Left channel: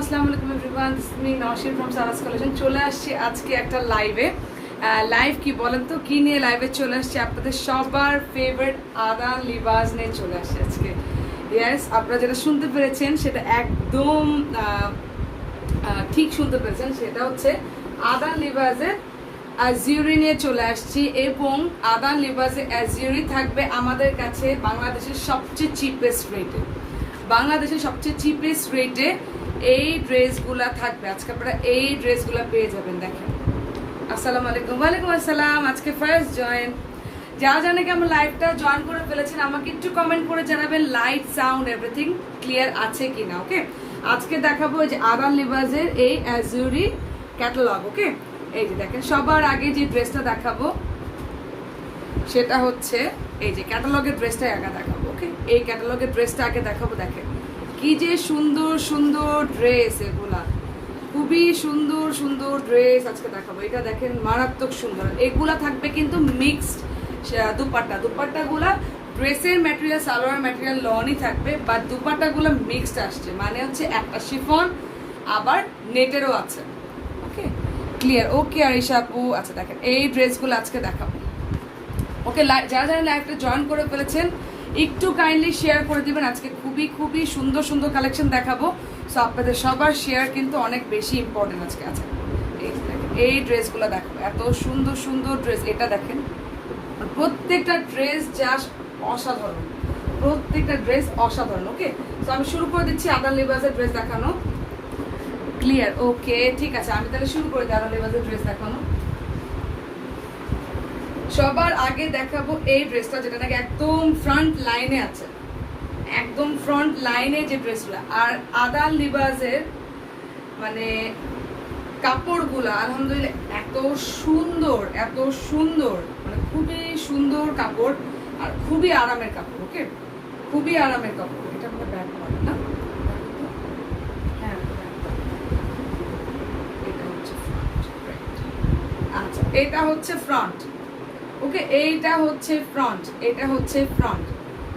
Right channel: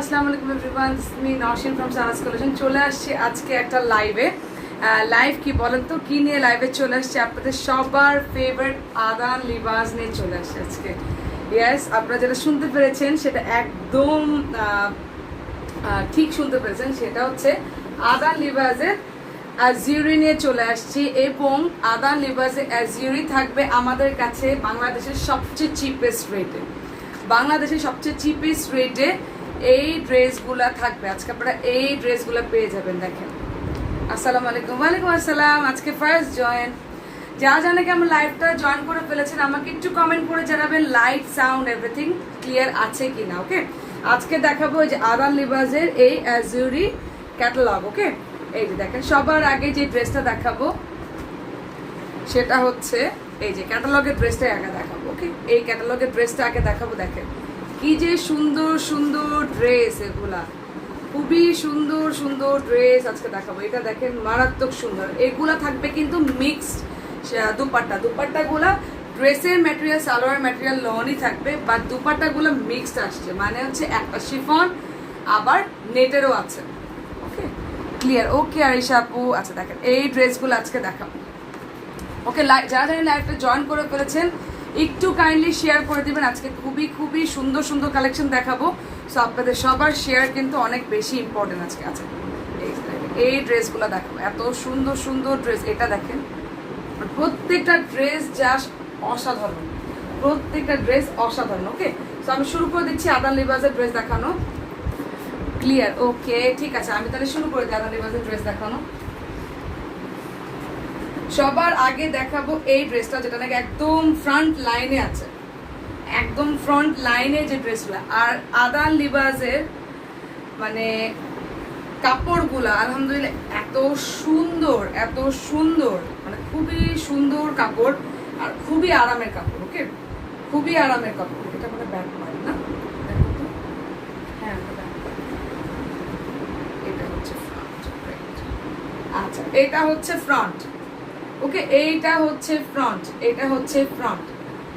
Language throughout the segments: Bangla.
আসসালামু আলাইকুম everyone, this is me Nowshin from Sara's collection. চলে আসছি আজকে একটা লাইভ কি বলেন তো, কি নিয়ে লাইভে চলে আসছি? আপনাদের সবার ফেভারিট আদান লিবাস নিয়ে চলে আসছে আজকে। ইয়েস, আপনারা যেটা শুনতে পেরেছেন সেটা একদম ঠিক শুনতে পেরেছেন। সেটা হচ্ছে আদান লিবাসের অ্যাজিউরি নিয়ে চলে আসছি, এবং আদান লিবাসের অ্যাজিউরি থাকবে আমাদের কাছে বাংলাদেশের সবচেয়ে চিপেস্ট রেটে। বাংলাদেশের সবচেয়ে চিপেস্ট রেটে এই ড্রেসগুলা থাকবে আজকে। আপনারা এই ড্রেসগুলা পেয়ে যাবেন। দেখেন, আসসালামু আলাইকুম। ওয়ালাইকুম আসসালাম। আজকে ফার্স্ট জয়েন, যারা জানে কি আমার লাইভটা জয়েন করে ফেলেছেন আমাকে একটু কমেন্ট করে জানাবেন লাইট সাউন্ড এভরিথিং ক্লিয়ার আছে কিনা। ওকে, আজকে দেখাবো যে আদান লিবাসের এই অ্যাজিউরি ক্যাটালগ। ওকে, এই যে দেখেন, সবার আগে যে ড্রেসটা দেখাবো সেটা হচ্ছে এই যে ক্যাটালগের ড্রেসটাই আগে দেখাবো। ওকে, এই ক্যাটালগের ড্রেসটা আগে দেখাবো। দেখেন কি যে সুন্দর সুন্দর ড্রেস, এগুলা খুবই সুন্দর সুন্দর ড্রেস আজকে দেখাবো। এটা দেখেন মারাত্মক সুন্দর। এগুলা থাকবে কিন্তু মিক্সড দুপাট্টাগুলা ড্রেসের ম্যাটেরিয়াল সালোয়ার ম্যাটেরিয়াল লনই থাকবে, বা দুপাট্টাগুলো মিক্সড আসছে, মানে হচ্ছে একটা শিফন আবার নেটেরও আছে। ওকে, ক্লিয়ার? ওকে আরিশা আপু, আচ্ছা দেখেন এই ড্রেসগুলো আজকে দেখাবো। ওকে, যারা যারা লাইভটা জয়েন করে ফেলেছেন একটু কাইন্ডলি শেয়ার করে দিবেন। আজকে খুবই খুবই সুন্দর সুন্দর কালেকশন দেখাবো, সো আপনাদের সবার শেয়ার কিন্তু অনেক বেশি ইম্পর্টেন্ট আজকে আছে। এই ড্রেসগুলো দেখাবো, এত সুন্দর সুন্দর ড্রেস। এটা দেখেন, প্রত্যেকটা ড্রেস জাস্ট অসাধারণ, প্রত্যেকটা ড্রেস অসাধারণ। ওকে, তো আমি শুরু করে দিচ্ছি আদান লিবাসের ড্রেস দেখানো। ক্লিয়ার? ওকে, ঠিক আছে, আমি তাহলে শুরু করে দিই আদান লিবাসের ড্রেস দেখানো। সবার আগে দেখাবো এই ড্রেসটা, যেটা নাকি একদম ফ্রন্ট লাইনে আছে, একদম ফ্রন্ট লাইনে যে ড্রেসগুলো। আর আদান লিবাসের মানে কাপড়গুলা আলহামদুলিল্লাহ এত সুন্দর, এত সুন্দর, মানে খুবই সুন্দর কাপড় আর খুবই আরামের কাপড়। ওকে, খুবই আরামের কাপড়। এটা আমাদের ব্যাক পার্ট না, দেখো তো। হ্যাঁ, এটা হচ্ছে ফ্রন্ট। আচ্ছা, এটা হচ্ছে ফ্রন্ট। ওকে, এইটা হচ্ছে ফ্রন্ট, এটা হচ্ছে ফ্রন্ট।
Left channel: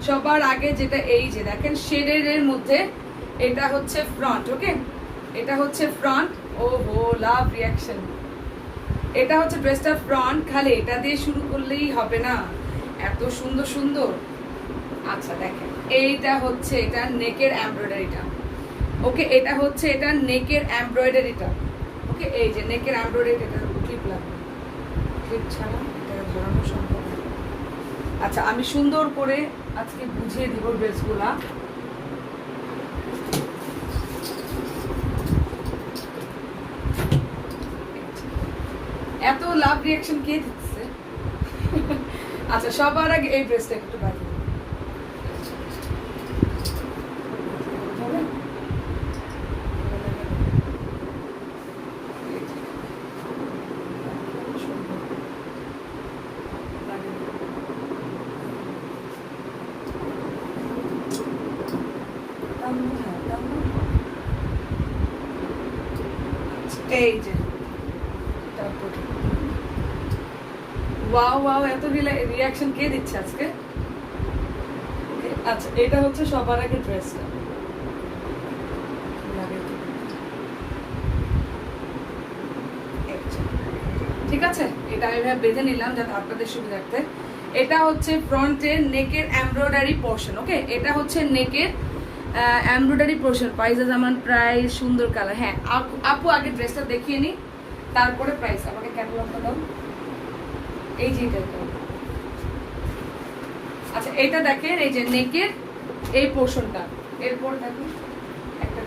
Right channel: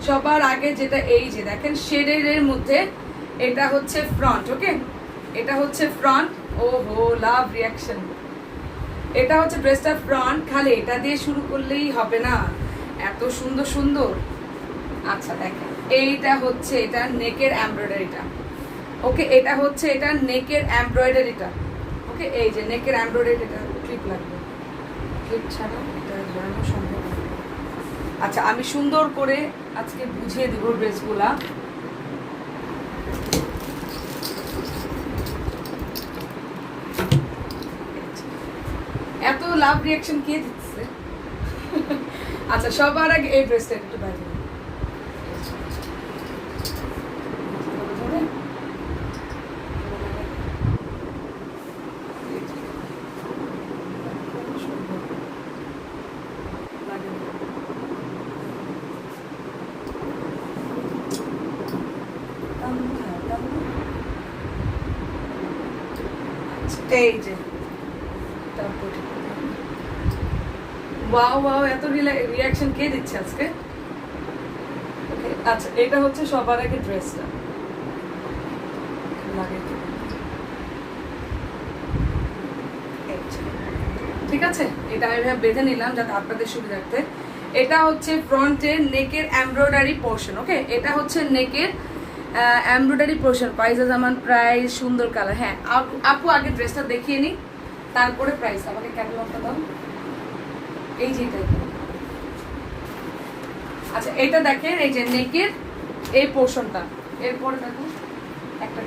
সবার আগে যেটা এই যে দেখেন শেডের মধ্যে, এটা হচ্ছে ফ্রন্ট। ওকে, এটা হচ্ছে ফ্রন্ট। ও হো, লাভ রিয়াকশন। এটা হচ্ছে ড্রেসটা ফ্রন্ট। খালি এটা দিয়ে শুরু করলেই হবে না, এত সুন্দর সুন্দর। আচ্ছা দেখেন, এইটা হচ্ছে এটা নেকের এমব্রয়ডারিটা। ওকে, এটা হচ্ছে এটা নেকের এমব্রয়ডারিটা। ওকে, এই যে নেকের এমব্রয়ডারিটা ঠিক লাগবে, ঠিক ছাড়া এটা ধরানো সম্ভব না। আচ্ছা, আমি সুন্দর করে আজকে বুঝিয়ে দিব ড্রেসগুলা। এত লাভ রিয়াকশন কে দিচ্ছে? আচ্ছা, সবার আগে এই ড্রেসটা একটু বাইরে এই যে ওয়াও ওয়াও, এত রিয়াকশন কে দিচ্ছে আজকে? আচ্ছা, এটা হচ্ছে সবার আগে ড্রেসটা ঠিক আছে। এটা আমি বেঁধে নিলাম যাতে আপনাদের সুবিধার্থে। এটা হচ্ছে ফ্রন্টের নেকের এমব্রয়ডারি পোর্শন। ওকে, এটা হচ্ছে নেকের এমব্রয়ডারি পোর্শন। প্রাইস আমার প্রাইস সুন্দর কালার। হ্যাঁ আপু, আগে ড্রেসটা দেখিয়ে নি, তারপরে প্রাইস। আমাকে ক্যাটালগটা দাও। এই যে আচ্ছা, এটা দেখেন এই যে নেকের এই পোর্শনটা। এরপরে দেখো একটা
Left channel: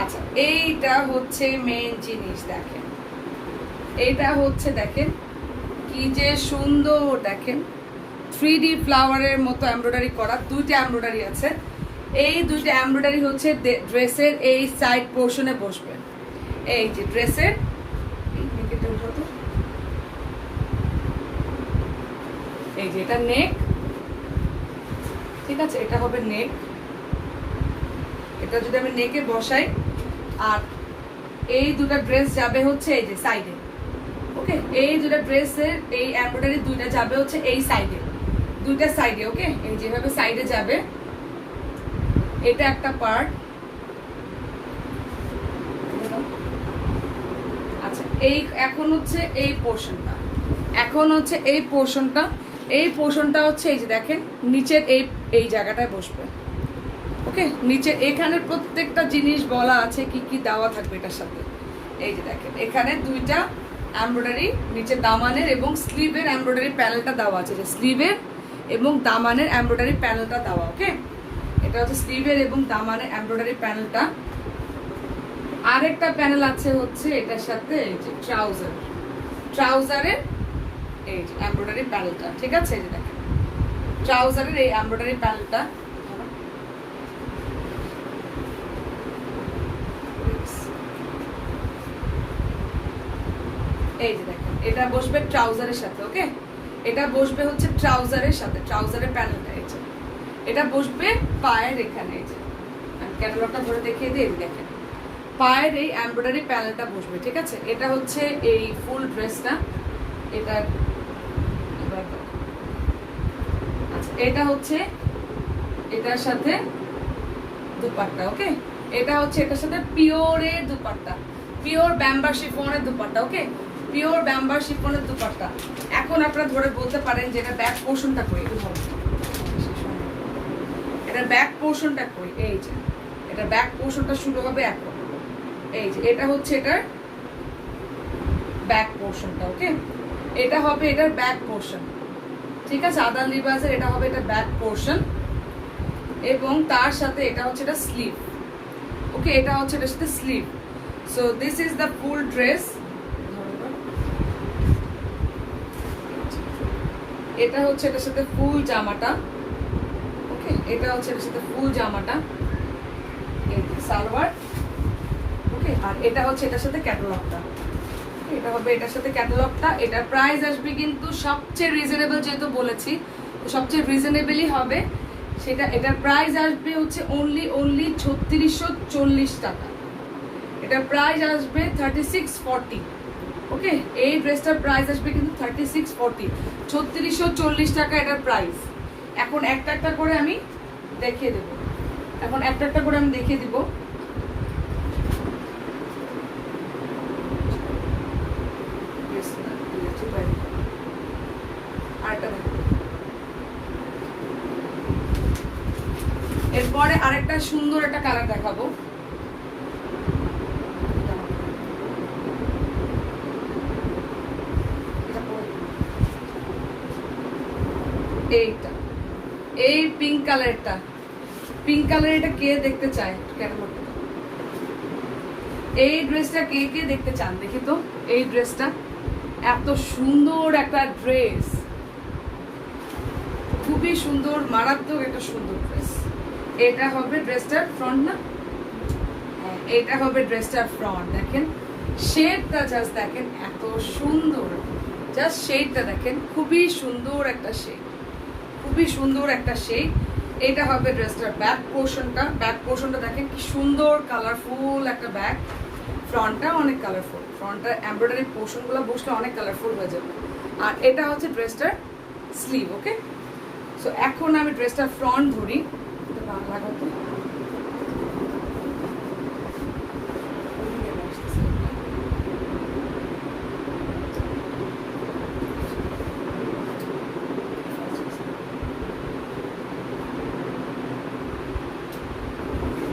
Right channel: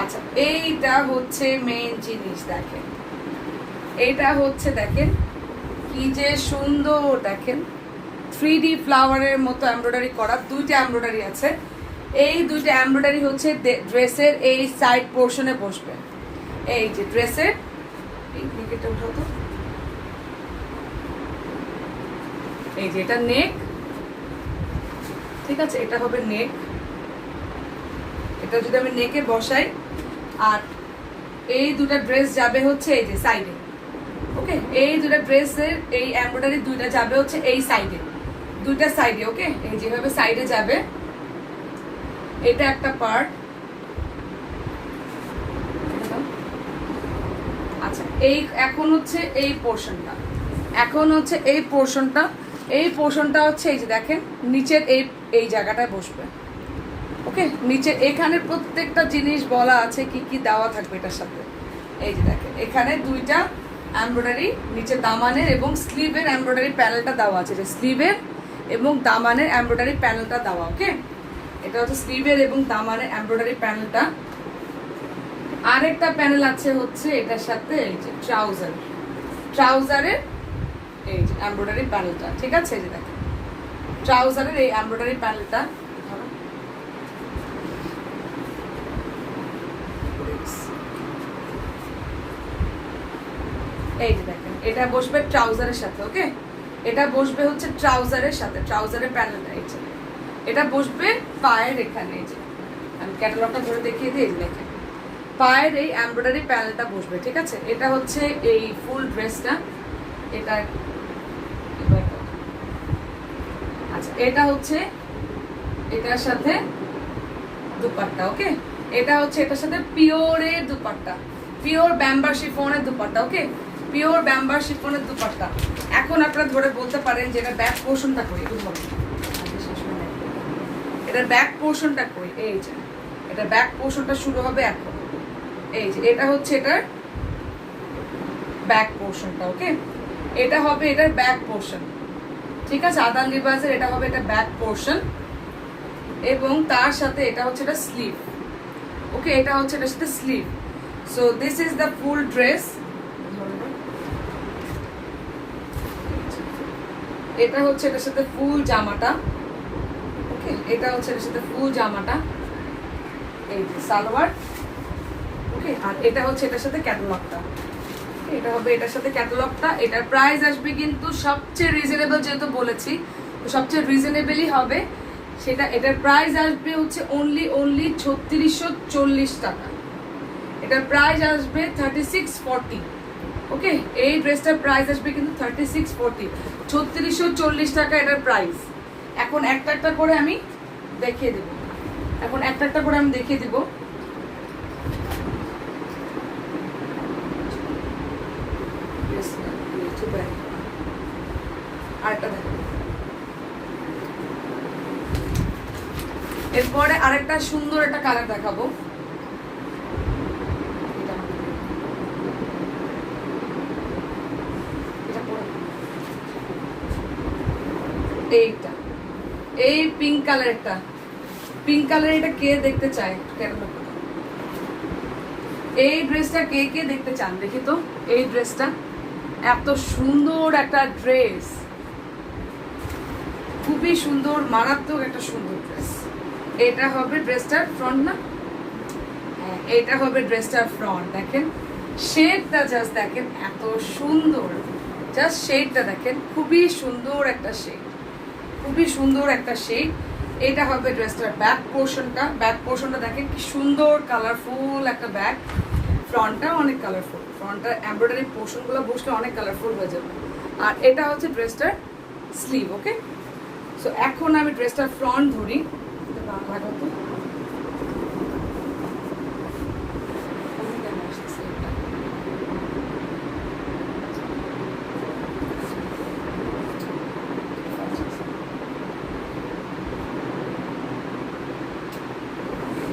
আচ্ছা, এইটা হচ্ছে মেইন জিনিস। দেখেন এইটা হচ্ছে, দেখেন কি যে সুন্দর। দেখেন 3D ফ্লাওয়ারের মতো এমব্রয়ডারি করা, দুইটা এমব্রয়ডারি আছে। এই দুইটা এমব্রয়ডারি হচ্ছে ড্রেসের এই সাইড পোর্শনে বসবে। এই যে ড্রেসের এই নেকটা উঠাতো, এই যে এটা নেক, ঠিক আছে, এটা হবে নেক। এটা যদি আমি নেকে বসাই, আর এই দুটা ড্রেস যাবে হচ্ছে এই যে সাইডে। ওকে, এই দুটা ড্রেসের এই এমব্রয়ডারি দুইটা যাবে হচ্ছে এই সাইডে, দুইটা সাইডে। ওকে, এই যেভাবে সাইডে যাবে, এটা একটা পার্ট। আচ্ছা, এই এখন হচ্ছে এই পোর্শনটা, এখন হচ্ছে এই পোর্শনটা, এই পোর্শনটা হচ্ছে এই যে দেখেন নিচের এই জায়গাটায় বসবে। ওকে, নিচে এখানে প্রত্যেকটা জিনিস বলা আছে কি কি দেওয়া থাকবে এটার সাথে। এই যে দেখেন এখানে দুইটা এমব্রয়ডারি নিচে দামানের এবং স্লিভের এমব্রয়ডারি প্যানেলটা দেওয়া আছে, যে স্লিভের এবং দামানের এমব্রয়ডারি প্যানেলটা দেওয়া। ওকে, এটা হচ্ছে স্লিভের এবং দামানের এমব্রয়ডারি প্যানেলটা। আরেকটা প্যানেল আছে হচ্ছে এটার সাথে এই যে ট্রাউজারের এই যে এমব্রয়ডারি প্যানেলটা। ঠিক আছে, এই যে দেখেন ট্রাউজারের এই এমব্রয়ডারি প্যানেলটা। এই যে দেখেন এটা বসবে ট্রাউজারের সাথে। ওকে, এটা বসবে হচ্ছে ট্রাউজারের সাথে, ট্রাউজারের প্যানেলটা এই যে এটা বসবে পায়ের এখানে। এই যে আমি ক্যাটালগটা ধরে দেখিয়ে দিই, দেখেন পায়ের এই এমব্রয়ডারি প্যানেলটা বসবে। ঠিক আছে, এটা হচ্ছে এই ফুল ড্রেসটা। এটা আচ্ছা, এটা হচ্ছে এটার সাথে দুপাট্টা। ওকে, এটা হচ্ছে এটার সাথে পিওরের দুপাট্টা, পিওর ব্যাম্বার শিফনের দুপাট্টা। ওকে, পিওর ব্যাম্বার শিফনের দুপাট্টা। এখন আপনারা ধরে বলতে পারেন যে এটা ব্যাক পোর্শনটা কই, এটা ব্যাক পোর্শনটা কই। এই যে এটা ব্যাক পোর্শনটা শুরু হবে এখন। এই যে এটা হচ্ছে এটার ব্যাক পোর্শনটা। ওকে, এটা হবে এটার ব্যাক পোর্শন। ঠিক আছে, আদান লিবাসের এটা হবে এটা ব্যাক পোর্শন এবং তার সাথে এটা হচ্ছে এটা স্লিভ। ওকে, এটা হচ্ছে এটার সাথে sleeve. So this is the full dress. এটা হচ্ছে এটার সাথে ফুল জামাটা। ওকে, এটা হচ্ছে এটার সাথে ফুল জামাটা, এই সালোয়ার। ওকে, আর এটা হচ্ছে এটার সাথে ক্যাটালগটা। এটা হবে এটার সাথে ক্যাটালগটা। এটার প্রাইস আসবে কিন্তু সবচেয়ে রিজনেবল, যেহেতু বলেছি সবচেয়ে রিজনেবলই হবে সেটা। এটার প্রাইস আসবে হচ্ছে অনলি 3640 টাকা। এটার প্রাইস আসবে 3640। ওকে, এই ড্রেসটার প্রাইস আসবে কিন্তু 3640, 3640 টাকা এটার প্রাইস। এখন একটা একটা করে আমি দেখিয়ে দেবো, এরপরে আরেকটা সুন্দর একটা কালার দেখাবো। এইটা এই পিঙ্ক কালারটা, পিঙ্ক কালার, এটা কে দেখতে চায়? এই ড্রেসটা কে কে দেখতে চান দেখি তো। এই ড্রেসটা এত সুন্দর একটা ড্রেস, খুবই সুন্দর, মারাত্মক একটা সুন্দর ড্রেস। এটা হবে ড্রেসটার ফ্রন্ট না, এটা হবে ড্রেসটার ফ্রন্ট। দেখেন শেডটা জাস্ট দেখেন এত সুন্দর, জাস্ট শেডটা দেখেন, খুবই সুন্দর একটা শেড, খুবই সুন্দর একটা শেড। এটা হবে ড্রেসটার ব্যাক পোর্শনটা। ব্যাক পোর্শনটা দেখেন কি সুন্দর কালারফুল একটা ব্যাক। ফ্রন্টটা অনেক কালারফুল, ফ্রন্টটা এমব্রয়ডারি পোর্শনগুলো বসলে অনেক কালারফুল হয়ে যাবে। আর এটা হচ্ছে ড্রেসটার স্লিভ। ওকে, সো এখন আমি ড্রেসটার ফ্রন্ট ধরি, লাগাতে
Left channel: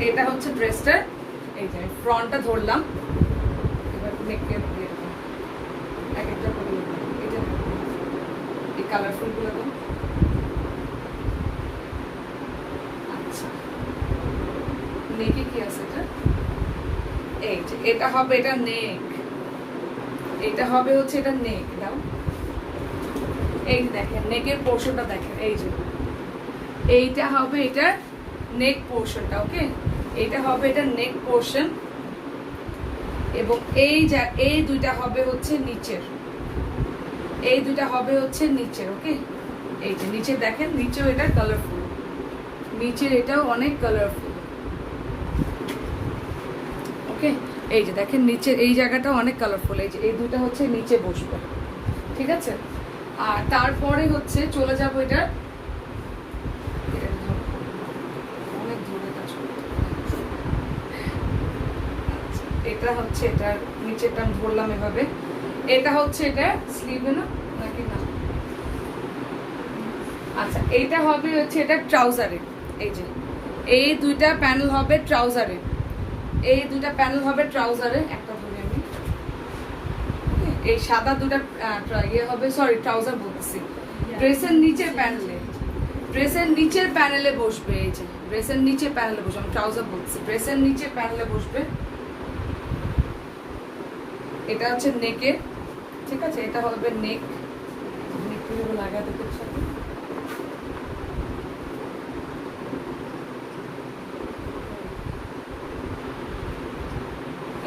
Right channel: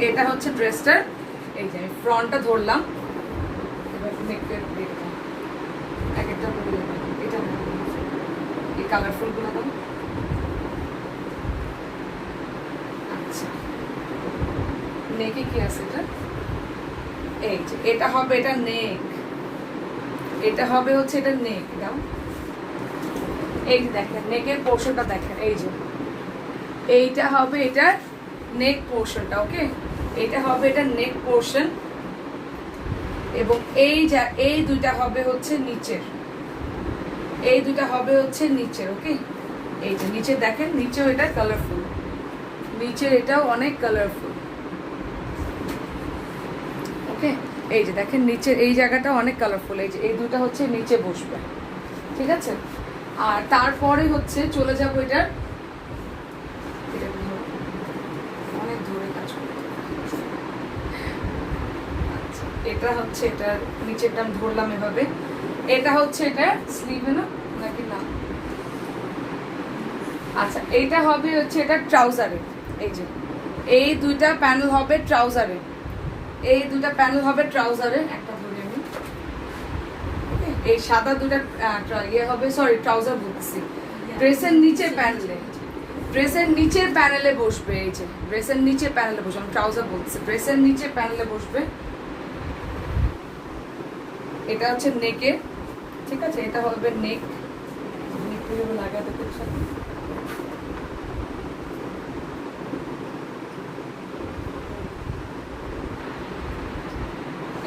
এটা হচ্ছে ড্রেসটার, এই যে ফ্রন্টটা ধরলাম। এবার নেকের এক একটা করে এটা এই কালারফুল গুলো দাও। আচ্ছা, নেকে কি আছে এটা? এই যে এটা হবে এটা নেক, এটা হবে হচ্ছে এটা নেক। দাও, এই যে দেখেন নেকের পোর্শনটা দেখেন, এই যে এইটা হবে এটা নেক পোর্শনটা। ওকে, এটা হবে এটা নেক পোর্শন এবং এই দুইটা হবে হচ্ছে নিচের, এই দুইটা হবে হচ্ছে নিচের। ওকে, এই যে নিচে দেখেন, নিচেও এটা কালারফুল, নিচের এটাও অনেক কালারফুল। ওকে, এই যে দেখেন নিচে এই জায়গাটা অনেক কালারফুল, এই যে এই দুটা হচ্ছে নিচে বসবে, ঠিক আছে। আর তারপরে হচ্ছে চলে যাবো এটা অনেক দূরে কাজ করতে, এটা হচ্ছে এটা নিচেরটা আমি ধরলাম এভাবে, এটা হচ্ছে এটা স্লিভে না নাকি না, আচ্ছা এইটা হবে হচ্ছে এটা ট্রাউজারে, এই যে এই দুইটা প্যানেল হবে ট্রাউজারে, এই দুটা প্যানেল হবে ট্রাউজারে, একটা ধরে আমি এই সাদা দুটা ইয়ে হবে, সরি ট্রাউজার বলতেছি, ড্রেসের নিচের প্যানেলে, ড্রেসের নিচের প্যানেলে বসবে, এই যে ড্রেসের নিচের প্যানেলে বসবে, আমি ট্রাউজার বলতেছি, ড্রেসের নিচের প্যানেলে বসবে। এটা হচ্ছে নেকে, ঠিক আছে, এটা হবে নেক, নেক লাগাতে সাথে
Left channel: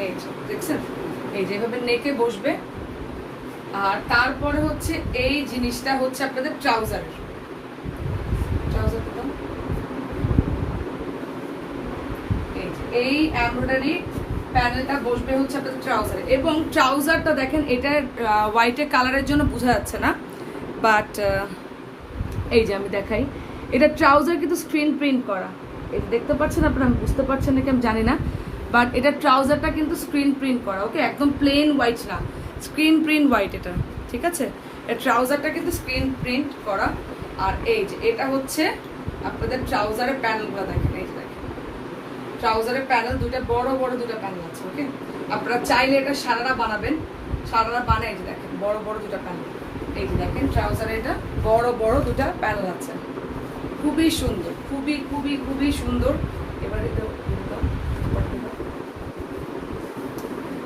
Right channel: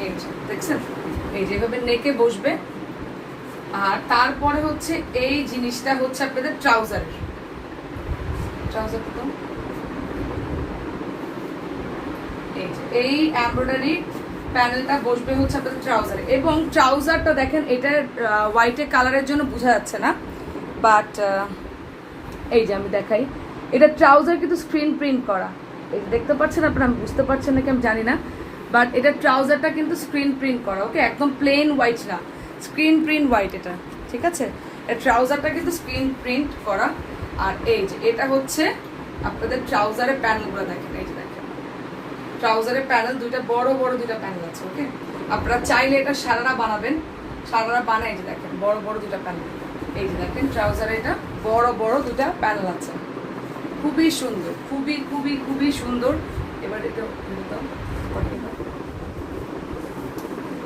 এই যে দেখছেন, এই যেভাবে নেকে বসবে। আর তারপরে হচ্ছে এই জিনিসটা হচ্ছে আপনাদের ট্রাউজারের, ট্রাউজার তো এই এমব্রয়ডারি প্যানেলটা বসবে হচ্ছে আপনাদের ট্রাউজারে, এবং ট্রাউজারটা দেখেন এটা হোয়াইটের কালারের জন্য বোঝা যাচ্ছে না, বাট এই যে আমি দেখাই, এটা ট্রাউজার কিন্তু স্ক্রিন প্রিন্ট করা, এই দেখতে পাচ্ছেন আপনারা, আমি বুঝতে পারছেন নাকি আমি জানি না, বাট এটা ট্রাউজারটা কিন্তু স্ক্রিন প্রিন্ট করা, ওকে, একদম প্লেন হোয়াইট না, স্ক্রিন প্রিন্ট হোয়াইট এটা, ঠিক আছে, ট্রাউজারটা কিন্তু স্ক্রিন প্রিন্ট করা। আর এই যে এটা হচ্ছে আপনাদের ট্রাউজারের প্যানেলগুলো দেখেন, এই যে দেখেন ট্রাউজারের প্যানেল দুইটা বড় বড় দুইটা প্যানেল আছে, ওকে, আপনারা চাইলে এটা সারারা বানাবেন, সারারা বানায়, এই যে দেখেন বড় বড় দুটা প্যানেল, এই যে দেখেন ট্রাউজারে এটা বড় বড় দুটা প্যানেল আছে, খুবই সুন্দর, খুবই খুবই খুবই সুন্দর। এবার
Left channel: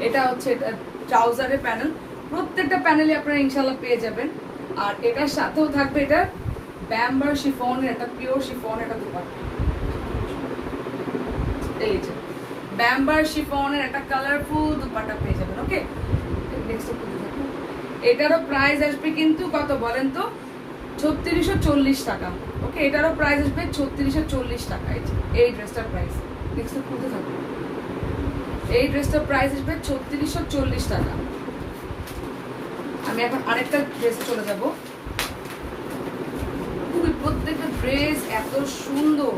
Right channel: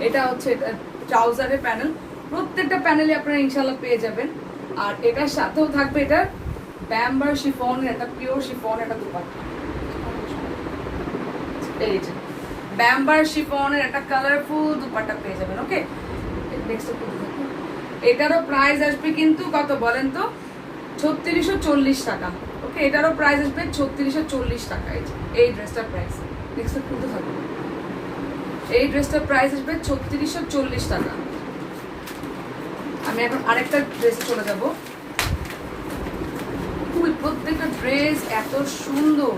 এটা হচ্ছে এটা ট্রাউজারের প্যানেল, প্রত্যেকটা প্যানেলে আপনারা ইনশাআল্লাহ পেয়ে যাবেন। আর এটার সাথেও থাকবে এটা ব্যাম্বার শিফনের, একটা পিওর শিফন, একটা দুপাট্টা, এই যে ব্যাম্বার শিফনের একটা কালারফুল দুপাট্টা পেয়ে যাবেন, ওকে। নেক্সট এটারও প্রাইস আসবে কিন্তু কত বলেন তো, 3640 টাকা, ওকে, এটারও প্রাইস আসবে 3640 টাকা, এই ড্রেসটার প্রাইস, নেক্সট খুলতে থাকবে, এই ড্রেসটার প্রাইস আসবে 3640 টাকা। আমি এখন আরেকটা ড্রেসে চলে যাব, প্রত্যেকটা ড্রেস এত সুন্দর,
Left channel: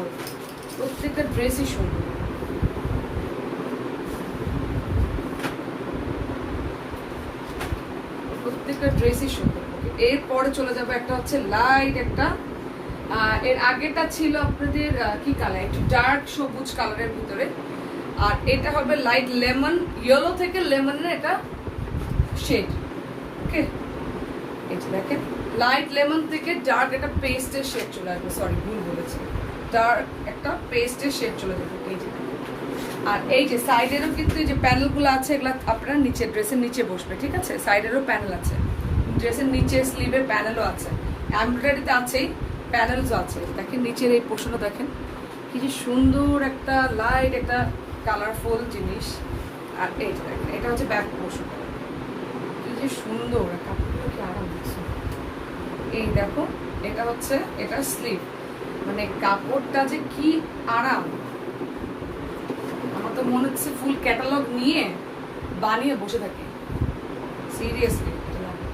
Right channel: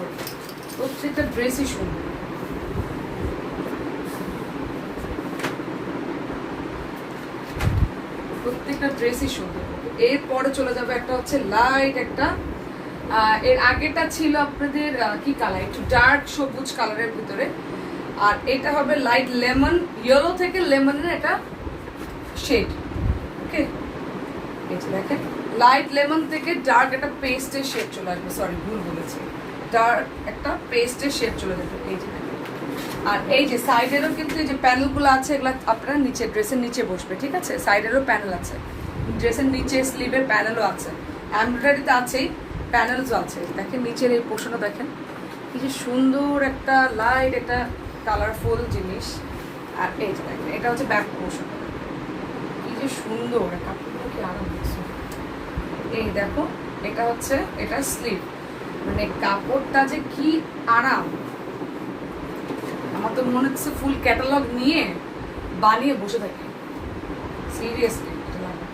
প্রত্যেকটা ড্রেসই সুন্দর, প্রত্যেকটা ড্রেসই সুন্দর। এরপরে চলে যাবে একটা হচ্ছে লাইট একটা, এর আগেটা ছিল আপনাদের কি কালার, একটু ডার্ক সবুজ কালারের ভিতরে, আর এটা হবে লাইট লেমন, ইয়েলো থেকে লেমনের এটা শেড, ওকে, এই যে দেখেন লাইট লেমন থেকে ডার্ক একটা পেস্টের শেড চলে আসবে, সরি ভুল বলেছি, ডার্ক একটা পেস্টের শেড চলে যাবে, এই যে। আর এই যে সাইডেরও কিন্তু এই যে প্যানেলগুলো আছে, এগুলো আপনার নিচে ড্রেসের নিচে বসবে, ঠিক আছে, সাইডেরও প্যানেল আছে, ড্রেসের নিচে স্লিভের প্যানেলও আছে, এমব্রয়ডারিতে আছেই, প্যানেলসও আছে, দেখেন নিচের এই পোর্শনও দেখেন কি যে সুন্দর একটা লাইট একটা কালারফুল জিনিস। আর এই যে দেখেন এটা হচ্ছে ব্যাক পোর্শনটা, কি যে সুন্দর, কাপড়গুলো কি আরাম দিচ্ছে, এই দেখো এটা হচ্ছে এটা স্লিভ, মানে কাপড়টা যে কি আরাম, আমার তো মনে হচ্ছে ফুল ক্যাটালগ নিয়ে বানিয়ে বসে থাকি, সিরিয়াসলি এটা লাগে,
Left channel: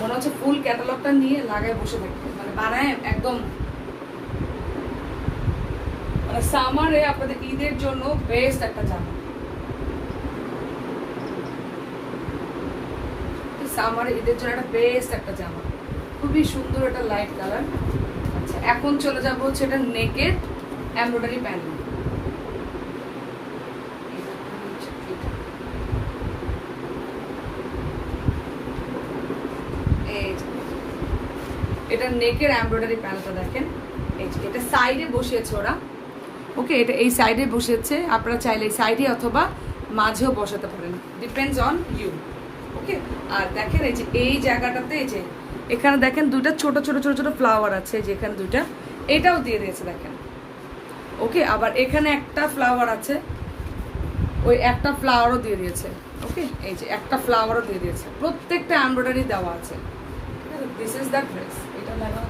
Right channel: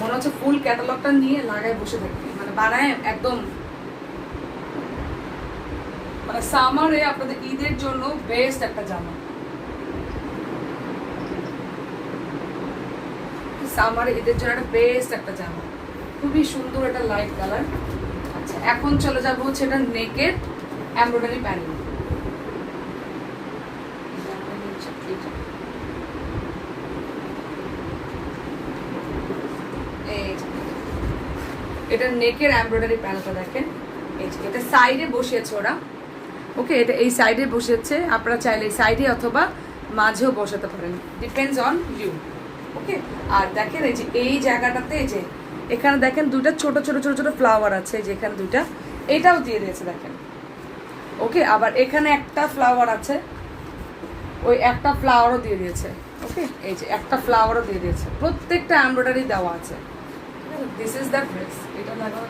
মনে হচ্ছে ফুল ক্যাটালগটা নিয়ে লাগায় বসে থাকি, মানে বানায় একদম, মানে সামারে আপনাদের ঈদের জন্য বেস্ট একটা জামা, সামারে ঈদের জন্য একটা বেস্ট একটা জামা, খুবই সুন্দর একটা লাইট কালার। আচ্ছা এখন চলে যাবো হচ্ছে এটা নেকের এমব্রয়ডারি প্যানেল, এটা নেকের এমব্রয়ডারি প্যানেলটা দেখেন, এই যে এটা সাইডে বসিয়েছে ওরা, ওকে, এটা এই সাইডে বসিয়েছে, আপনারা চাইলে এই সাইডে অথবা মাঝেও বসাতে পারেন, ডিপেন্ডস অন ইউ, ওকে। আর দেখেন এই যে এই জায়গাটাতে এই যে এখানে দেখেন দুইটা ছোট ছোট ছোট ছোট ফ্লাওয়ার আছে, যেখানে দুইটা এটাও দিয়ে দিয়েছে দেখেন, ওকে, আবার এখানে একটা ফ্লাওয়ার আছে, ওই একটা ফ্লাওয়ারও দিয়ে দিয়েছে, ওকে, এই যে একটা ফ্লাওয়ারও দিয়ে দিয়েছে, প্রত্যেকটা এমব্রয়ডারি দেওয়া আছে, দিস ইজ দ্য ড্রেস, এটা লাগানো,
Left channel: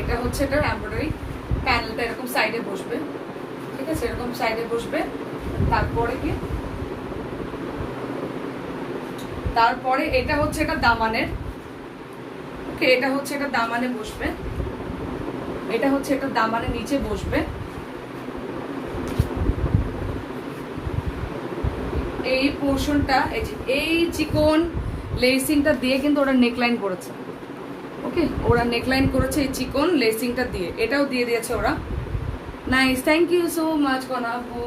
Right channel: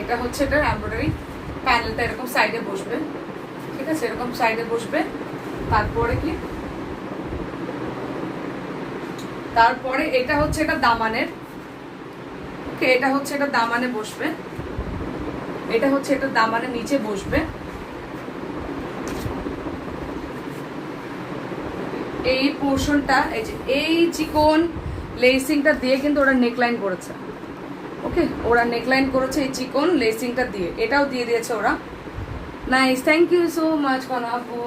এটা হচ্ছে এটা এমব্রয়ডারি প্যানেলটা এরকম সাইডে বসবে, ঠিক আছে, এরকম সাইডে বসবে। তারপরে কি, তারপরে এটা হচ্ছে এটা দামানের, ওকে, এটা হচ্ছে এটা দামানে বসবে, এটা হচ্ছে এটা দামানের নিচে বসবে। এই পোর্শনটা, এই যে এই চিকন লেসিংটা দিয়ে কিন্তু ওরা নেকলাইন করেছে, ওকে, ওরা নেকলাইন করেছে এই চিকন লেসিংটা দিয়ে, এটাও দিয়ে দিয়েছে ওরা। Nice, thank you so much Kona আপু।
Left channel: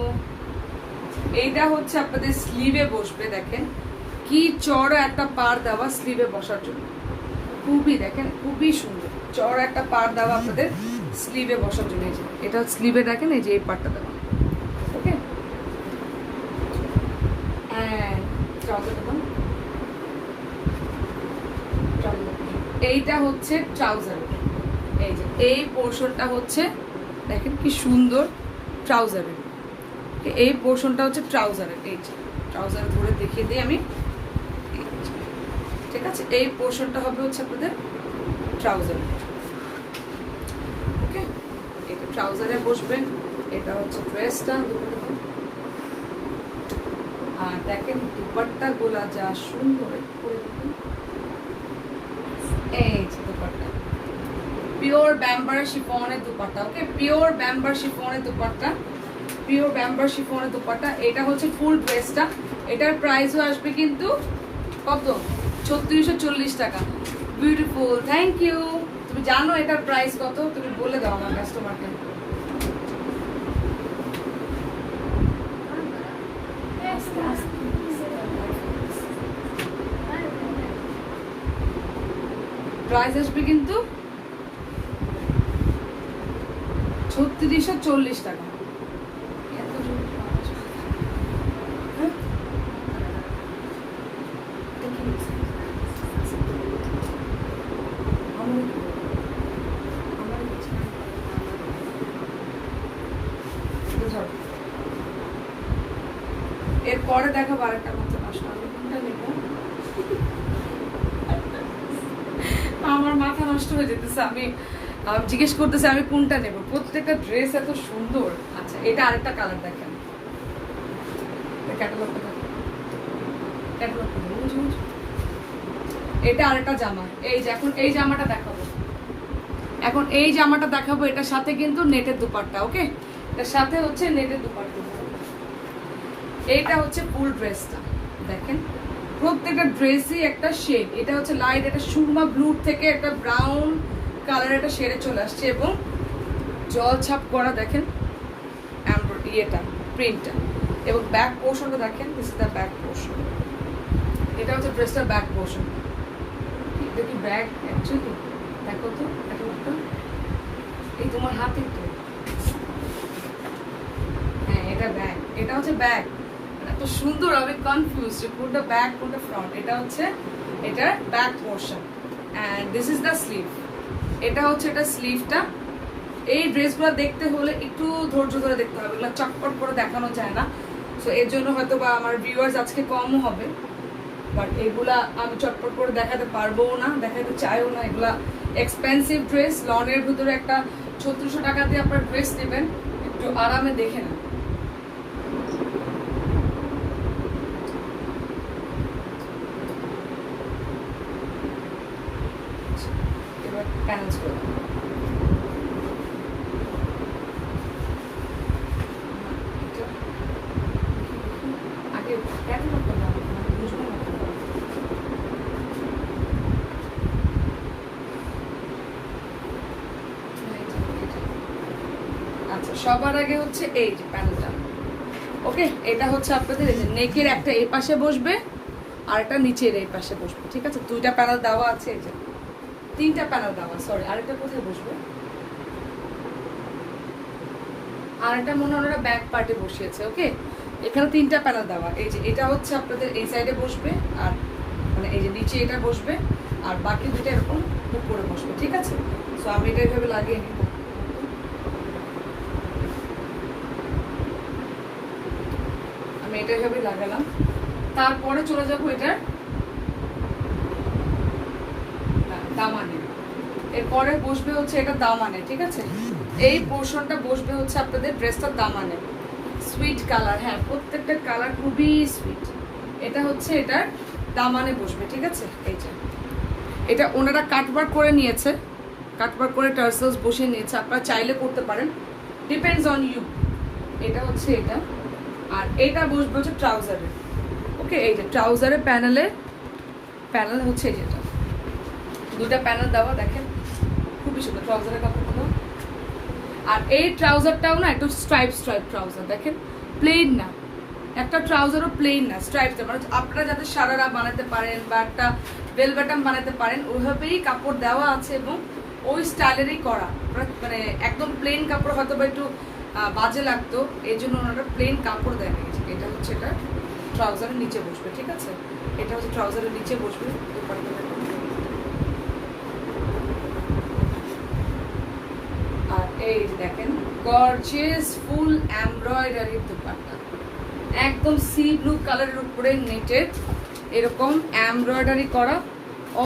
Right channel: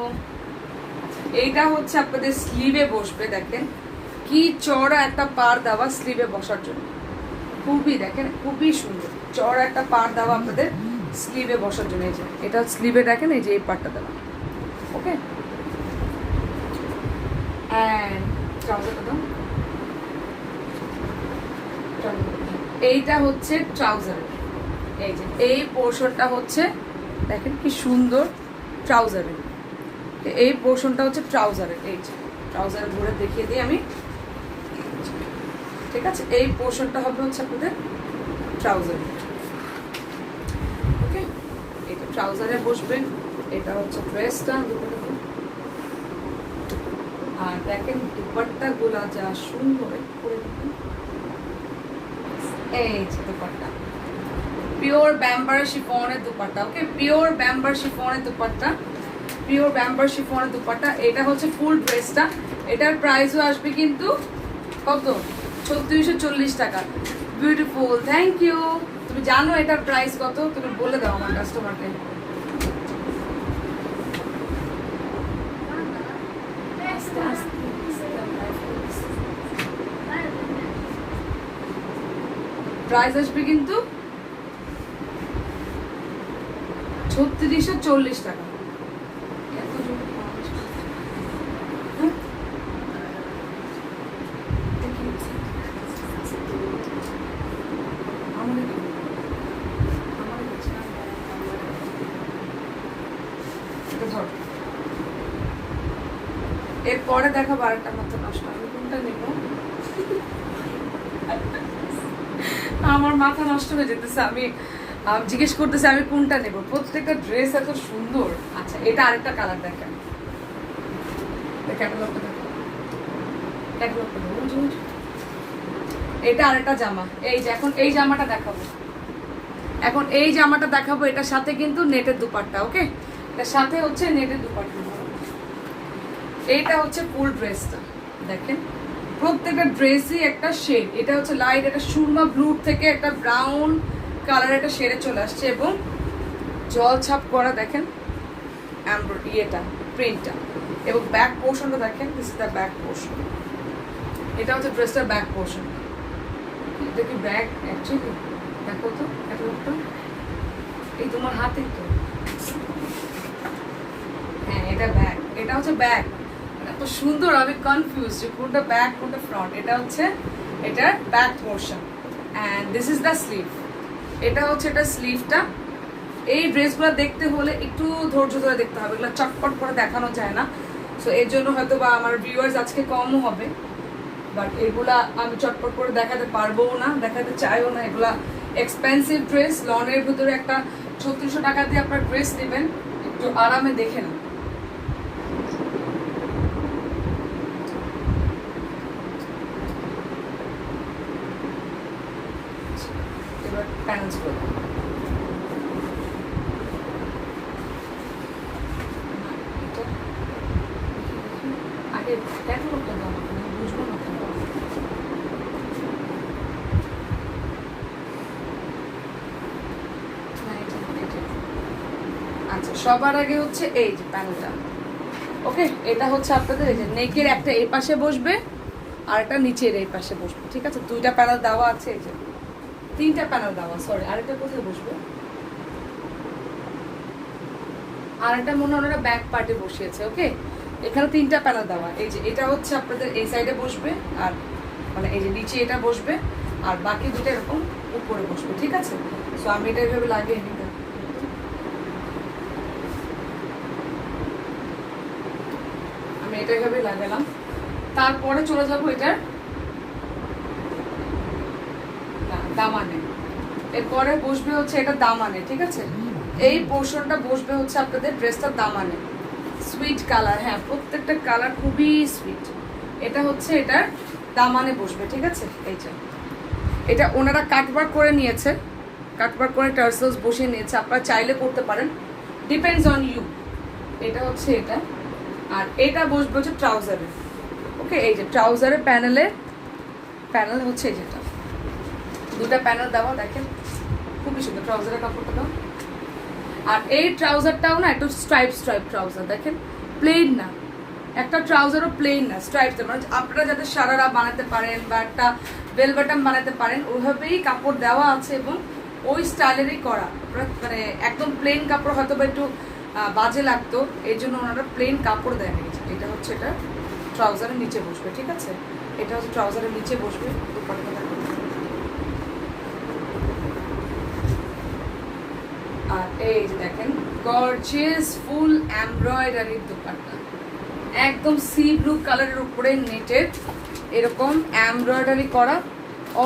এইটা হচ্ছে আপনাদের স্লিভে বসবে, দেখেন কি চড়া একটা পার দেওয়া স্লিভে বসার জন্য, খুবই দেখেন খুবই সুন্দর চড়া একটা পার দেওয়া আপনাদের স্লিভে বসার জন্য। এই যে এটা স্লিভে দেখেন, এই যে এই পারটা দেওয়া, ওকে। অ্যান্ড ট্রাউজারটা দাও, এইটা হচ্ছে ট্রাউজারের, এই যে এই পোর্শনটা হচ্ছে দেখেন কি সুন্দর ট্রাউজারের, এই পোর্শনটা হচ্ছে ট্রাউজারের, এই যে ট্রাউজারে ধরে দেখিয়ে দিই আমি, ঠিক আছে। এই পোর্শনটা হবে হচ্ছে আপনাদের ট্রাউজারের, ওকে, এটা ট্রাউজারে বসবেন। এটা হচ্ছে ড্রেসটা, আর দেখেন দুপাট্টা গুলা যা সুন্দর করে দিবেন, এই যে দুপাট্টা পিওর ব্যাম্বার শিফনের দুপাট্টা, ওকে, পিওর ব্যাম্বার শিফনের দুপাট্টা, পিওর ব্যাম্বার শিফনের দুপাট্টা। এটা হচ্ছে ফুল ড্রেসটা, এটার প্রাইসও আসবে কিন্তু কত, 3640 টাকা। Beautiful, thank you. তুমি জানো এটার প্রাইস কত, তুমি বলে দাও আমার কাস্টমারকে। প্রাইস আসবে কিন্তু 3640 টাকা। এরপরে দেখাবো আরেকটা মাত্র নষ্ট, আমি কোনটা নেব, আমার মাথা নষ্ট হয়ে যেতেছে, আমি জিজ্ঞেস করতেছি আমি কোনটা নেব, প্রত্যেকটা ড্রেস এত সুন্দর। আচ্ছা, এটা আরেকটা কালার দেখেন, ক্যাটালগটা দেখেন, ক্যাটালগটা দেখুন, এটা আরেকটা জামা, এই যে এখন এই জামাটা দেখাবো, এখন এই জামাটা দেখাবো, এটার সাথে কিন্তু নেটের দুপাট্টা, ওকে, এটার সাথে হচ্ছে নেটের দুপাট্টা। এইটা হচ্ছে ফুল ড্রেসটা, দেখেন প্রত্যেকটা ড্রেসই একটা শেড, এটা হচ্ছে লাইট, এটা সুরমা ব্লু থেকে একটা ব্রাউন কালার একটা শেডে চলে আসছে, এবং জল ছাপ করা দেখেন ইয়েটা প্রিন্টটা, এবং ব্যাক পোর্শনটা দেখেন, this is the back portion, এটা হচ্ছে ড্রেসটার ব্যাক পোর্শন। এটা কি ব্যাক অ্যাকচুয়ালি, দেখো তো ক্যাটালগটা, এই তোমার হাতে তো, হ্যাঁ এটা ব্যাক, এটা হচ্ছে ব্যাক, এত সুন্দর, আমি কনফিউজ যে কোনটা ব্যাক কোনটা ফ্রন্ট। এটা হচ্ছে এটার back portion, and this is the sleeve, এটা হচ্ছে এটা স্লিভটা। এই ড্রেসগুলো দেখতে হলে একটু ধৈর্য ধরে দেখতে হবে, এগুলো চটপট করে দেখানো যায় না, সো এর জন্য হয়তো বা আমার ভিউয়ার্স আজকে কমও হবে, বাট এগুলা আমি চটপট করে দেখাতে পারবো না, দেখাতে চাইও না, এগুলা এক্সপেন্সিভ ড্রেস। লনের ভিতরে একটা 3600 টাকা দিয়ে আপনার ড্রেস নেবেন, একটু আরামে দেখে না। এবার প্যানেলস করে আগে ক্যাটালগটা দেওয়া বুঝবো না। আচ্ছা, সবার আগে হচ্ছে এই যে প্যানেলটা, ওকে, এটা হচ্ছে আপনাদের এই যে নেকের একটা এই পাশে বসবে আর একটা নিচের এই পাশে বসবে, ঠিক আছে, দুইটা প্যানেল দেওয়া আছে, এই যে তিনটা প্যানেল দেওয়া, সরি আরেকটা কোথায় বসবে, আরেকটা মনে হয় ওরা ব্যাক পার্টে বসিয়েছে, ওকে, এখানে তিনটা প্যানেল দেওয়া, এই যে এটা হচ্ছে আপনাদের এই সাইডে বসবে, আর মানে এই যে নিচে এটা বসবে, আর বাকি দুটো এরকম উপরে বসবে, ঠিক আছে। সো আমি এটা এইভাবে লাগিয়ে নিব, আমি এটা এইভাবে লাগালাম। তারপরে চলে যাবো এটার দামানে, এরপরে বসবে হচ্ছে এটা দামানে, ঠিক আছে, এই পোর্শনটা বসবে হচ্ছে আপনাদের ড্রেসটার দামানে, সুইট কালার। হ্যাঁ, প্রত্যেকটা কালার খুবই সুইট। এটা হচ্ছে এটার দামানে বসবে, ঠিক আছে। এই যে এটা ওনারা কাটবার করে নিয়েছে, কাটবার করে টার্সেলস বসিয়ে নিয়েছে, আপনারা চাইলে করতে পারেন, ডিপেন্ডস অন ইউ। এটা হচ্ছে এটা, আর এটা বসবে হচ্ছে ট্রাউজারে। ওকে, এই যে ট্রাউজারের প্যানেল হচ্ছে এই যেটা, দুটা প্যানেল দেওয়া, দেখেন খুবই সুন্দর ট্রাউজারের কাপড়টা দাও। আর এই ট্রাউজারটাও না একটু স্ট্রাইপ ট্রাউজার, দেখেন প্লেন না, একটা ট্রাউজারও প্লেন না, স্ট্রাইপ। মানে আপনারা যাতে সারারা বানাতে পারেন বা একটা বেল বাটন বানাতে পারেন, ওইভাবেই কাপড় দেওয়া আছে এবং ওই স্টাইলেরই করা। মানে একদম প্লেন কাপড় হয়তো বা একটু বাজে লাগতো, এই জন্য ওনারা প্লেন কাপড় দেয়। এটা হচ্ছে এটা ট্রাউজারের নিচে বসবে, ঠিক আছে। এটা হচ্ছে ট্রাউজারের নিচে বসবে। আর এই দেখেন গর্জিয়াস ফুল এমব্রয়ডারি দুপাট্টা, একদম সি ব্লু কালারের উপরে নেটের এরকম এমব্রয়ডারি করা,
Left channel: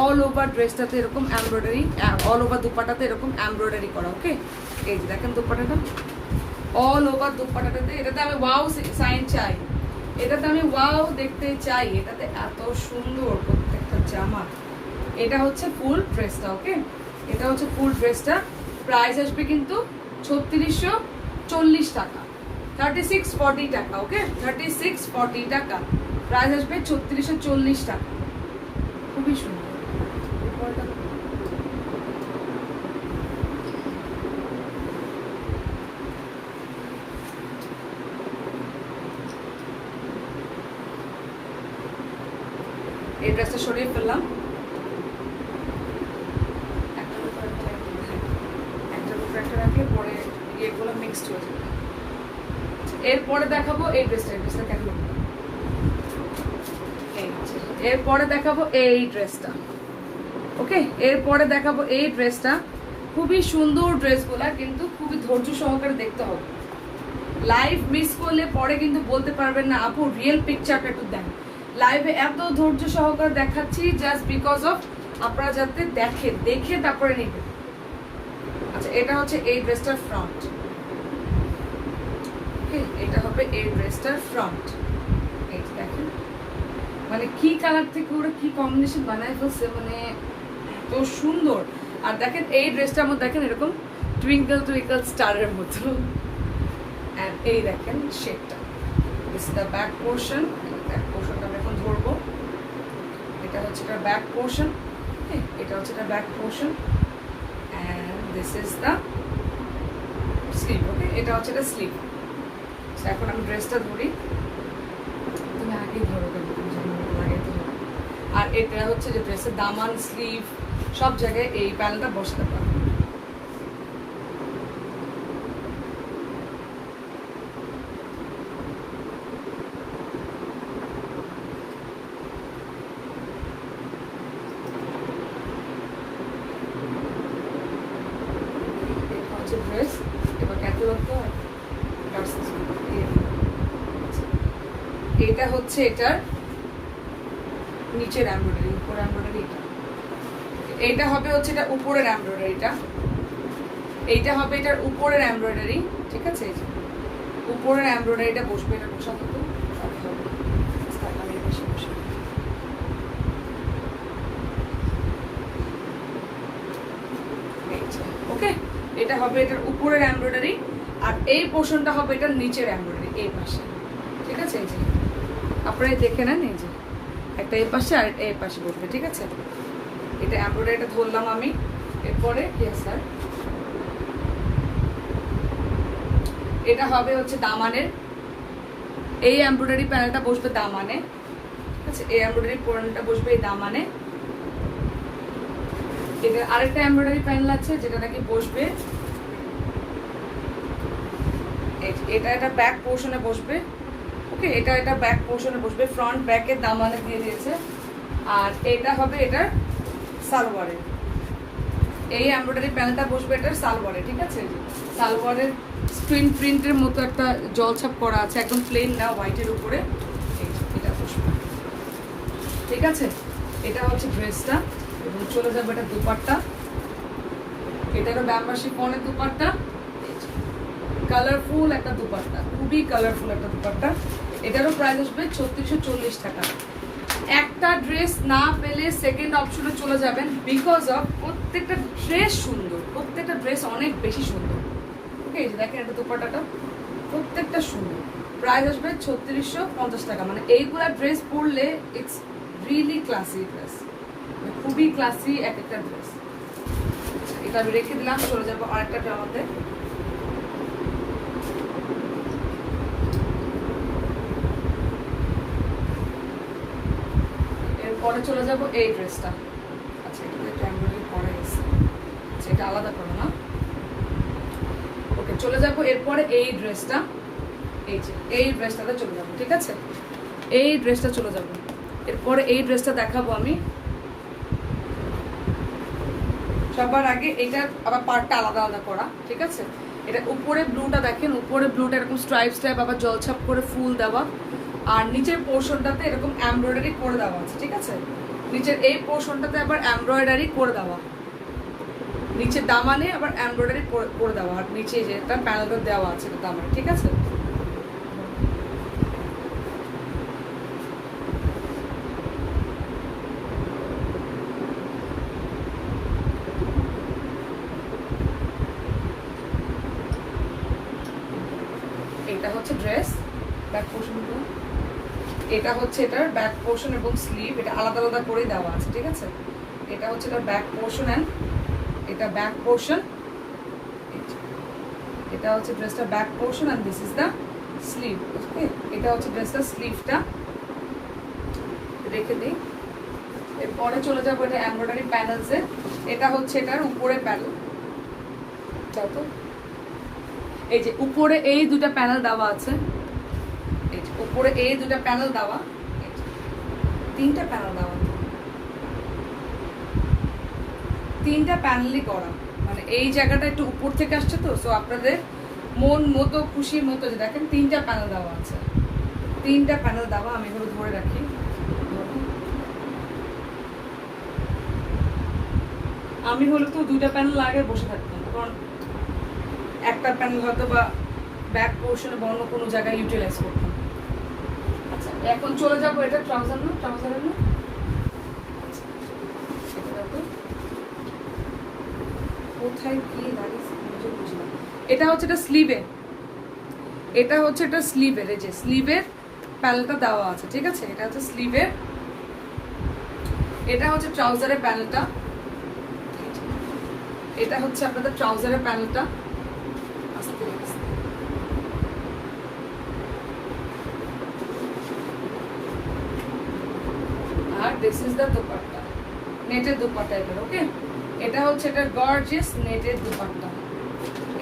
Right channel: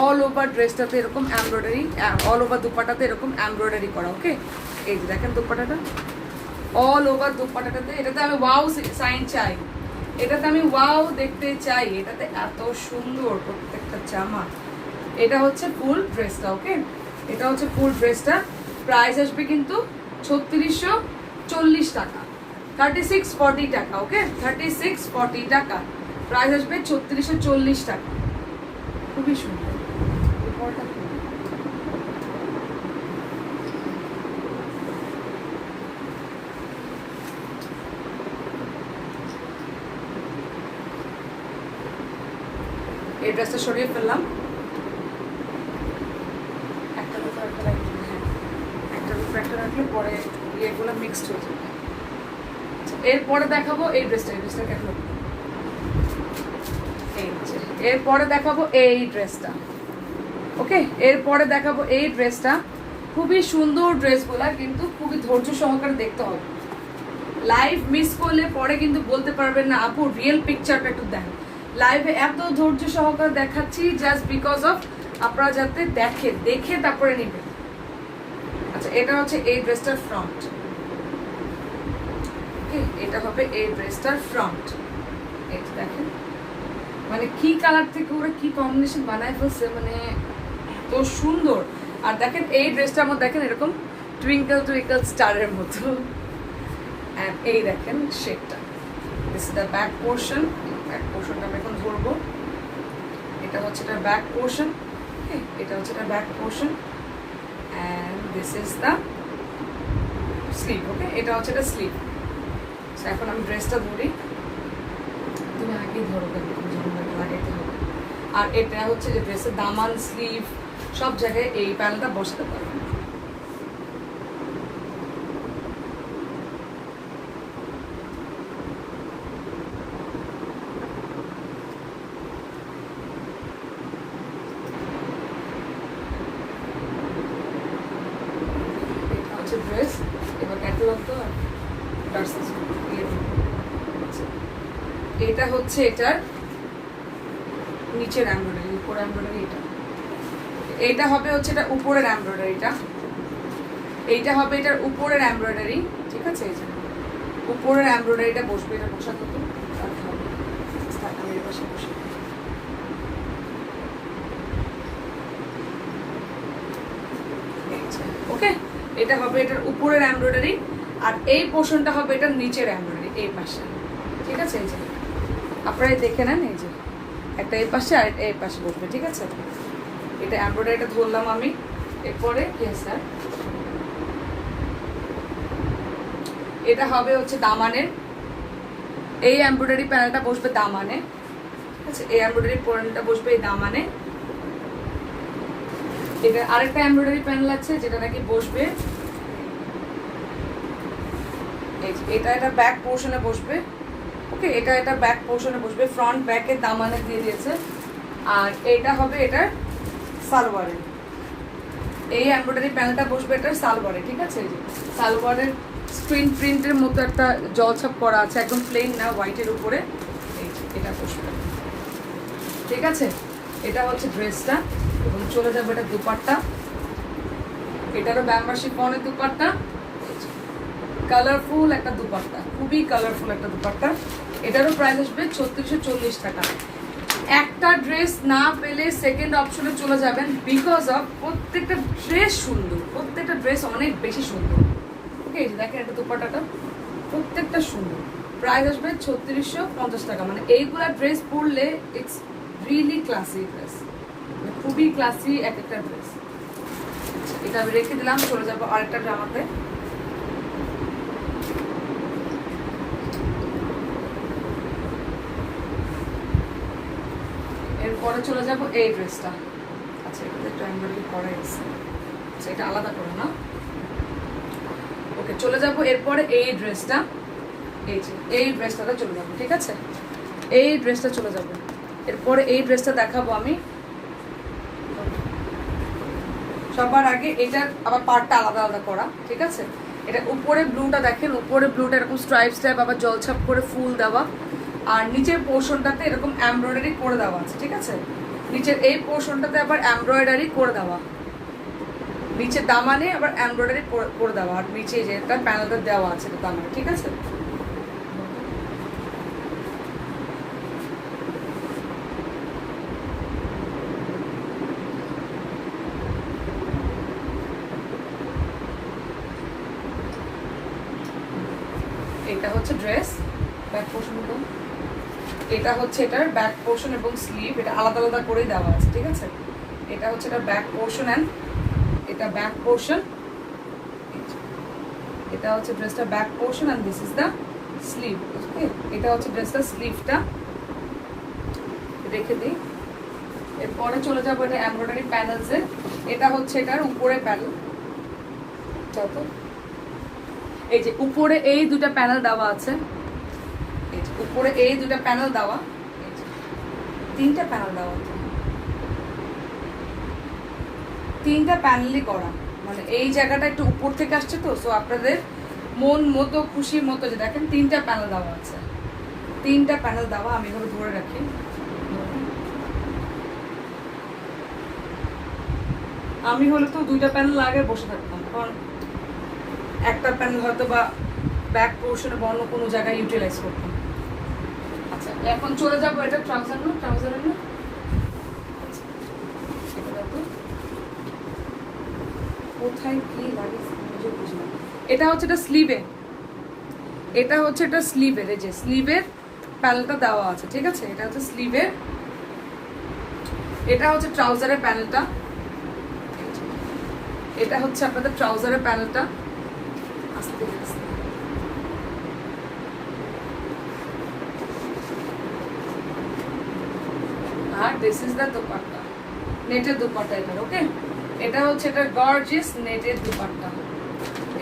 অল ওভার ড্রেসটাতে এরকম এমব্রয়ডারি, অল ওভার দুপাট্টাতে এরকম এমব্রয়ডারি করা। ওকে, এই যে দেখেন দুপাট্টাটা, অল ওভার দুপাট্টাটাতে, এটাতে আমি ওয়াও সাইন চাই, এটাতে আমি ওয়াও দেখতে চাই, এটাতে এত সুন্দর প্রত্যেকটা জামা। এটা হচ্ছে ফুল ড্রেসটা। ওকে, এটা হচ্ছে ফুল ড্রেসটা। প্রাইস আসবে কিন্তু 3640 টাকা, 3640 টাকা। ওকে, 3640 টাকা প্রাইস আসবে, 3640 টাকা। খুবই সুন্দর। এই ড্রেসটা সরিয়ে ফেললাম, একটার উপর একটা রাখলে পরে ইয়েগুলো মিক্সড হয়ে যাবে। এরপরে দেখাবো এই ড্রেসটা, দেখাবো এরপরে দেখাবো এই ড্রেসটা। ওকে, এরপরে দেখাবো এই ড্রেসটা। খুবই সুন্দর ড্রেসগুলা, কিন্তু খুবই ধৈর্য সহকারে দেখতে হবে। লাইভ মিস করলে পরে কিন্তু বলতে পারবেন না আপু রিয়েল পিকচারটা একটু দেন। লাইভে এত ধৈর্য সহকারে দেখাচ্ছি জাস্ট বিকজ অফ আপনারা যাতে দেখে তারপরে নেবেন। আচ্ছা, এটা হচ্ছে এই ড্রেসটার ফ্রন্ট। এটা হবে এই ড্রেসটার ফ্রন্ট। এই দেখেন মানে কি কালার থেকে ওরা কি কম্বিনেশন বানায় ফেলছে, মানে এত সুন্দর। আর দেখেন এই ড্রেসটা আমার দেখেন এরকম টুইঙ্কল স্টারের মতো। অ্যান্ড এই দেখেন শেপটা, this is the back portion. Back পোর্শনটা আমরা এখন ধরবো। এটা হচ্ছে এটা ব্যাক পোর্শন। ওকে, এটা হচ্ছে এটা back portion and this is the sleeve. Okay, এটা হচ্ছে এটা স্লিভ। এখন আমি ড্রেসটা ধরি, তুমি আগে ধরো কেন, লাগাইতে হবে। আর এটা হচ্ছে যে ড্রেসের দামান, স্লিভ সব জায়গায় এই প্যানেলটা বসাতে পারবে। ড্রেস এবার ক্যাটালগ তো এটা হচ্ছে এটার নিচের এমব্রয়ডারি, উপর এমব্রয়ডারি। এইটা হবে হচ্ছে এটা উপরের এমব্রয়ডারিটা, এইটা হবে এটার উপরের এমব্রয়ডারি, ঠিক আছে। এই যে উপরের এমব্রয়ডারিটা বসবে, এটা বসাতে হবে। ওকে, এটা হবে এটার উপরের এমব্রয়ডারি, আর এই পোর্শনটা হবে এটার নিচের এমব্রয়ডারি এই পাশে, ঠিক আছে। এই যে আপনারা দেখে নেন, এই যে একটা এই পাশে আর এই পাশে বসবে, ঠিক আছে। এটা এমব্রয়ডারিটা ধরলাম আমি। এরপরে স্যার এটা হবে হচ্ছে দামানের, এই এমব্রয়ডারি প্যানেলটা বসবে দামানে, ঠিক আছে। এই এমব্রয়ডারি প্যানেলটা বসবে এই দামানে। এটা আরেকটা এমব্রয়ডারি প্যানেল আছে যেটা নাকি বসবে, এটা এটা ব্যাক পোর্শনে বসবে। ওকে, এটা এটা ব্যাক পোর্শনে বসবে, ফ্রন্ট ব্যাকের দামানে দিয়ে দিয়েছে। আর এটা হবে এটার সালোয়ারে, এই এমব্রয়ডারি প্যানেলটা বসবে এটার সালোয়ারে, ঠিক আছে। সালোয়ারের স্ক্রিন প্রিন্টের মতো একটা জলছাপ করা আছে, একদম প্লেন না, হোয়াইটের উপরে এটা বসবে, ঠিক আছে। এটা হচ্ছে ড্রেসটা এবং চলে যাবে এটা দুপাট্টা, এটারও ব্যাম্বার শিফনের দুপাট্টা। কালারফুল একটা দুপাট্টা, খুবই কালারফুল একটা দুপাট্টা। এটারও প্রাইস আসবে 3640 টাকা। একটা ড্রেস না পেলে সেকেন্ড অপশনে চলে যাবেন, বিকজ অফ প্রত্যেকটা ড্রেস সুন্দর, প্রত্যেকটা ড্রেস অনেক বেশি সুন্দর। ওকে, এই যে দেখেন এটা দুপাট্টাটা প্রত্যেকটা সুন্দর। প্রাইস আসবে 3650 টাকা। মানে এইগুলা ড্রেস পরলে ইটস রিয়েলি ক্লাসি ড্রেস, খুবই ক্লাসি এক একটা ড্রেস। এটা আমি রেখে দিলাম, চলে যাবো আরেকটা জামাতে। এরপরে চলে যাব এই ড্রেসটা। আচ্ছা, এটাতে ট্রায়াঙ্গল করা আছে, আচ্ছা এটা আলাদা করে না। ওকে, চলে যাব এরপরে এই ড্রেসটা। এই যে এই ড্রেসটাতে চলে যাব, ঠিক আছে? এই ড্রেসটা চলে যাব। এরপরে এই ড্রেসটা দেখাবো আমি। সবার আগে এটার আবার পার্টটা আলাদা আলাদা করা, ঠিক আছে? এটা উপরে ব্লুটা দেখেন, উপরে ব্লুটা এরকম স্ট্রাইপ স্ট্রাইপ আবার জলছাপ করে ফুল দেওয়া, আর নিচের পোর্শনটাতে এরকম এমব্রয়ডারি করে দেওয়া আছে, ঠিক আছে? নিচের এই পোর্শনটাতে আবার এমব্রয়ডারি করে দেওয়া, নিচের দামানে আবার এমব্রয়ডারি করে দেওয়া, আর নিচে যেটা প্যানেলটা দেওয়া আছে তো দামানে, ঠিক আছে? এটা হচ্ছে ড্রেস ব্যাক পোর্শন, এটা হচ্ছে এটার ব্যাক পোর্শন এবং স্লিভ, এটা আলাদা আলাদা করেই দেওয়া আছে, ঠিক আছে? এটা হচ্ছে এটার ব্যাক পোর্শন অ্যান্ড এটা ব্যাক পোর্শন, এটা হচ্ছে ড্রেসটা back portion and this is the sleeve. Okay, এটা হচ্ছে ড্রেসটা স্লিভটা, রেখে দিই। এরপরে চলে যাবো এটা এমব্রয়ডারি প্যানেলসে। এটা হচ্ছে এটার উপরে প্যানেল, তারপর এই যে উপরে এই দুটা প্যানেল দেওয়া আছে, এই যে উপরে এই দুটা প্যানেল দেওয়া, তিনটা প্যানেল দেওয়া, তিনটা প্যানেলই করা। মানে এই জায়গাটা একটু উপর থেকে আসছে তো, সো আপনাদের মন মতো খুশি মতো যে দেখেন তিনটা প্যানেল দেওয়া আছে, তিনটা প্যানেল দেওয়া। আমি এগুলো ধরে রাখি। আমি হলে তো দুইটা প্যানেল আগে বসে থাকতাম, কারণ একটা প্যানেল হয়তো বা ব্যাক পোর্শনে বা অন্য কোনো জায়গায় ইউটিলাইজ করতাম। আচ্ছা, এখন চলে যাবো এটা ট্রাউজারের না, কোথায় কি লাগে বুঝলাম। এটা হচ্ছে এটা স্লিভে, এটা হচ্ছে এটা স্লিভের, এই যে স্লিভের প্যানেলটা দেওয়া আছে, ঠিক আছে? এটা হচ্ছে স্লিভের, এটা হচ্ছে ট্রাউজারের প্যানেলটা, এটা হচ্ছে আপনাদের ট্রাউজারের প্যানেলটা। আস্তে আস্তে আর দিস ইজ দ্য দুপাট্টা, নেটের দুপাট্টা এটার। ওকে, এটা হচ্ছে এটা গর্জিয়াস নেটের দুপাট্টা,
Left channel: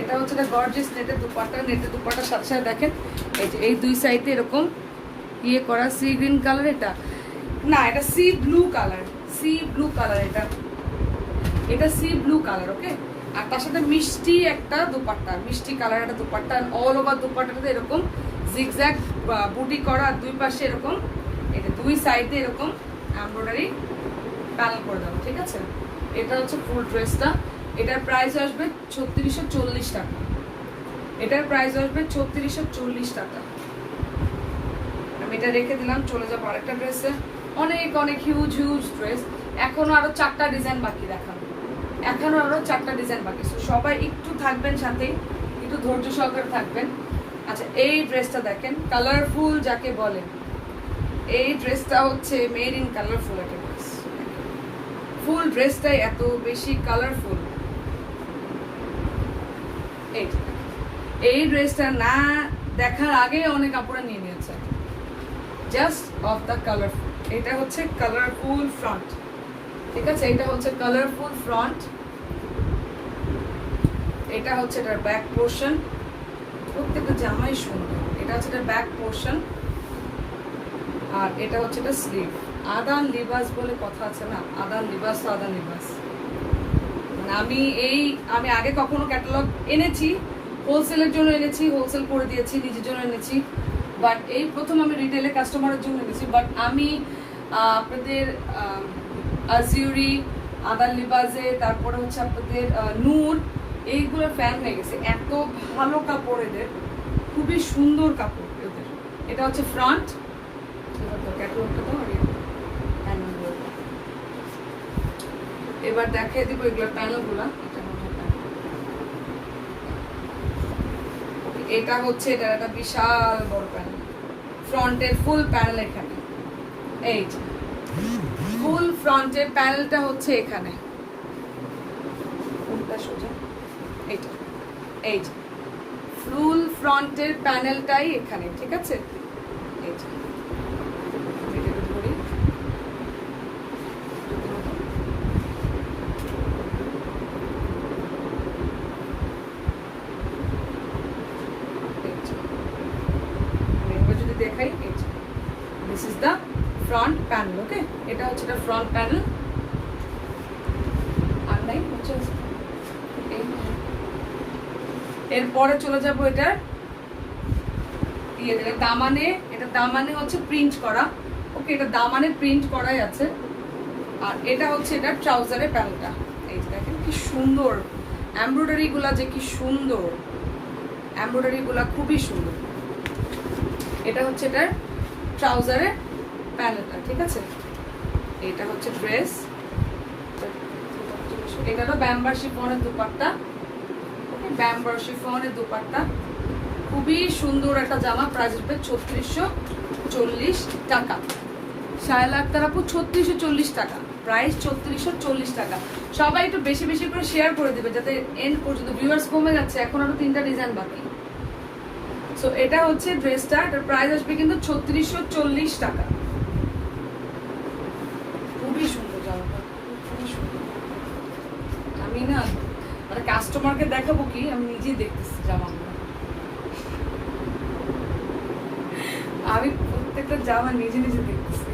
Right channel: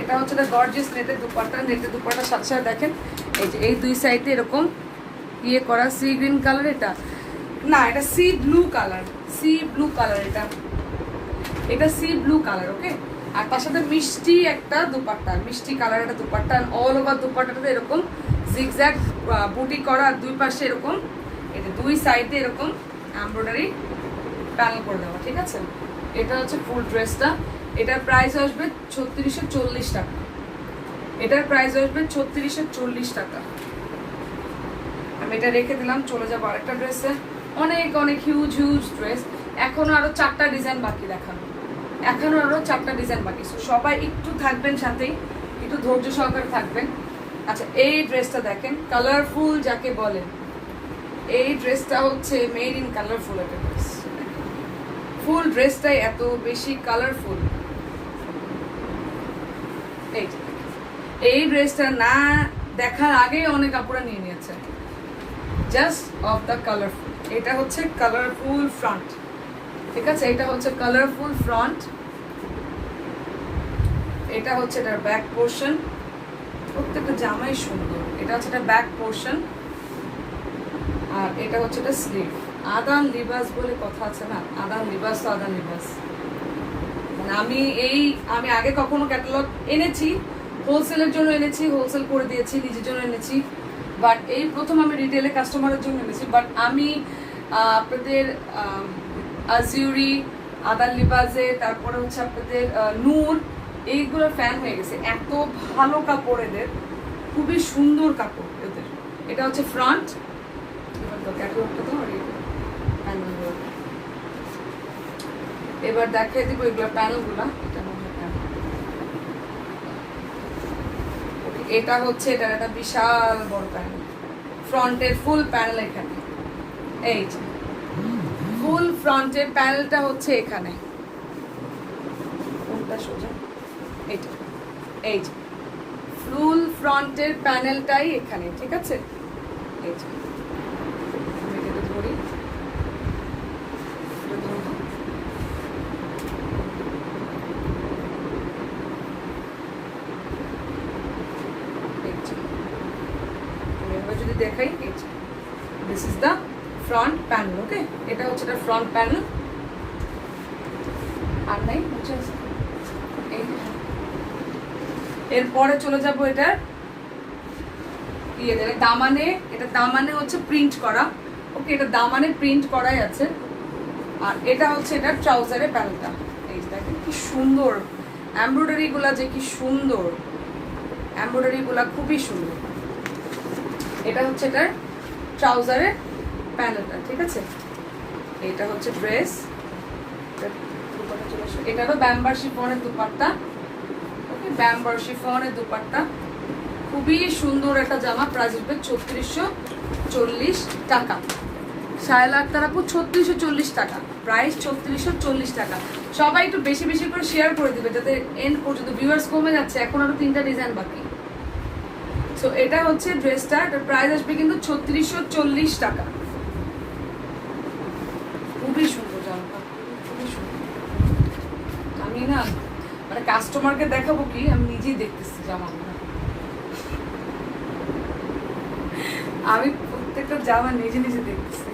এটা হচ্ছে এটা গর্জিয়াস নেটের দুপাট্টা। নেটের দুপাট্টার সাথে সাথে দেখেন এই যে এই দুই সাইডে এরকম ইয়ে করা, সি গ্রিন কালার, এটা না এটা C blue colour, C blue colour, এটা সি ব্লু কালার। ওকে, আর তার সাথে মিষ্টি একটা দুপাট্টা, মিষ্টি কালার একটা দুপাট্টা। অল ওভার দুপাট্টাটাতে এরকম জিগজ্যাগ বুটি করা, আর দুই পাশে এরকম এই যে দুই সাইডে এরকম এমব্রয়ডারি প্যানেল করে দেওয়া, ঠিক আছে? এটা হচ্ছে ফুল ড্রেসটা। এটার প্রাইস আসবে 3640 টাকা। এটার প্রাইস আসবে 3640 টাকা। আমি এটা রেখে দিলাম, চলে যাবো আরেকটা ড্রেসে। অনেক অনেক হিউজ হিউজ ড্রেস, এখনো আরো 4টা ডিজাইন বাকি দেখানো, এখনো আরো 4টা ডিজাইন বাকি। সবাই একটু থাকবেন, সাথেই একটু ধৈর্য সহকারে থাকবেন। আচ্ছা, এই ড্রেসটা দেখেন, কালারফুল যাকে বলে, এই ড্রেসটা হচ্ছে মেড ইন কালারফুল একটা ড্রেস। ফুল ড্রেসটাই এত বেশি কালারফুল। এই ড্রেসটা না দেখার আগে অনেক কাপড় নিয়ে নিয়েছে, জাস্ট অফ দ্য কালারফুল। এটা হচ্ছে কালারফুল ফ্রন্ট, ঠিক আছে? এটা হচ্ছে কালারফুল ফ্রন্ট, এটা হচ্ছে এটার ব্যাক পোর্শন। প্রত্যেকটা জামাই সুন্দর। এটা হচ্ছে এটা ব্যাক পোর্শন, আর এটা হচ্ছে এটা স্লিভ। আদান লিবাস বলে কথা আছে না, আদান লিবাস তো আদান লিবাস। মানে আমি আগে কখনো ক্যাটালগ এনেছি, হোলসেলের জন্য এনেছি, হোলসেল করে দিয়েছি, নিজের জন্য এনেছি, বাট এই প্রথম আমি রিটেলে কাস্টমারের জন্য এনেছি। বাট আমি আপনাদের আজিউরি, আদান লিবাসে, তারপরে হচ্ছে আপনাদের নূর, এইগুলো ফ্যান হয়ে গেছে, এত ভালো কাপড় এদের, খুবই সুন্দর কাপড় এদের। এটা হচ্ছে ফ্রন্ট, এবার দেখিয়ে দিব এগুলোর প্যানেলগুলা। এটা হচ্ছে এটা একটা বিশাল বড় প্যানেল, ফ্রন্টের ফুল প্যানেল এখানে, এই যে ফুল ফ্রন্টের প্যানেলটা হচ্ছে এখানে, কোনটা সোজা, এইটা, এই যে ফুল ফ্রন্টের প্যানেলটাই এখানে, ঠিক আছে। এই যে ধরি, যদি দেখাই, এই যে this is the front panel. Okay, এটা হচ্ছে এটা ফ্রন্ট প্যানেল। আর নাই হচ্ছে এরপরে চলে যাব এটার দামানে। এটা দামানে হচ্ছে প্রিন্ট করা। ওকে, এটা দামানে প্রিন্ট করাই আছে। আর এটা হচ্ছে এটা ট্রাউজারের প্যানেলটা। এই দেখেন কি সুন্দর এমব্রয়ডারি গুলা, যে কি সুন্দর এমব্রয়ডারি গুলা, খুবই সুন্দর। এটা হচ্ছে এটার ট্রাউজারের প্যানেলটা, ঠিক আছে। এটা হচ্ছে ড্রেস, এটারও ব্যাম্বার শিফনের দুপাট্টা। ওকে, ব্যাম্বার শিফনের দুপাট্টা, খুবই সুন্দর একটা জামা। প্রাইস আসবে ৩৬৪০ টাকা। সায়লা আক্তার আপু ৩৬৪০ টাকা, প্রাইস ৩৬৪০ টাকা। সবাই একটু বেশি বেশি করে শেয়ার করে দিবে যাতে এন্ড পর্যন্ত, ভিউয়ার্স কমে যাচ্ছে, এখন আরো 3টা ডিজাইন বাকি। সো এটা হচ্ছে ড্রেসটা, এটার প্রাইস আসবে কিন্তু ৩৬৪০ টাকা। খুবই সুন্দর জামাটা, খুবই সুন্দর। আমি না মানে কাস্টমারকে দেখাবো কি, আমি নিজেই দেখতেছি জামাগুলো। আমি প্রত্যেকটা জামা নিজে নিজে দেখতেছি।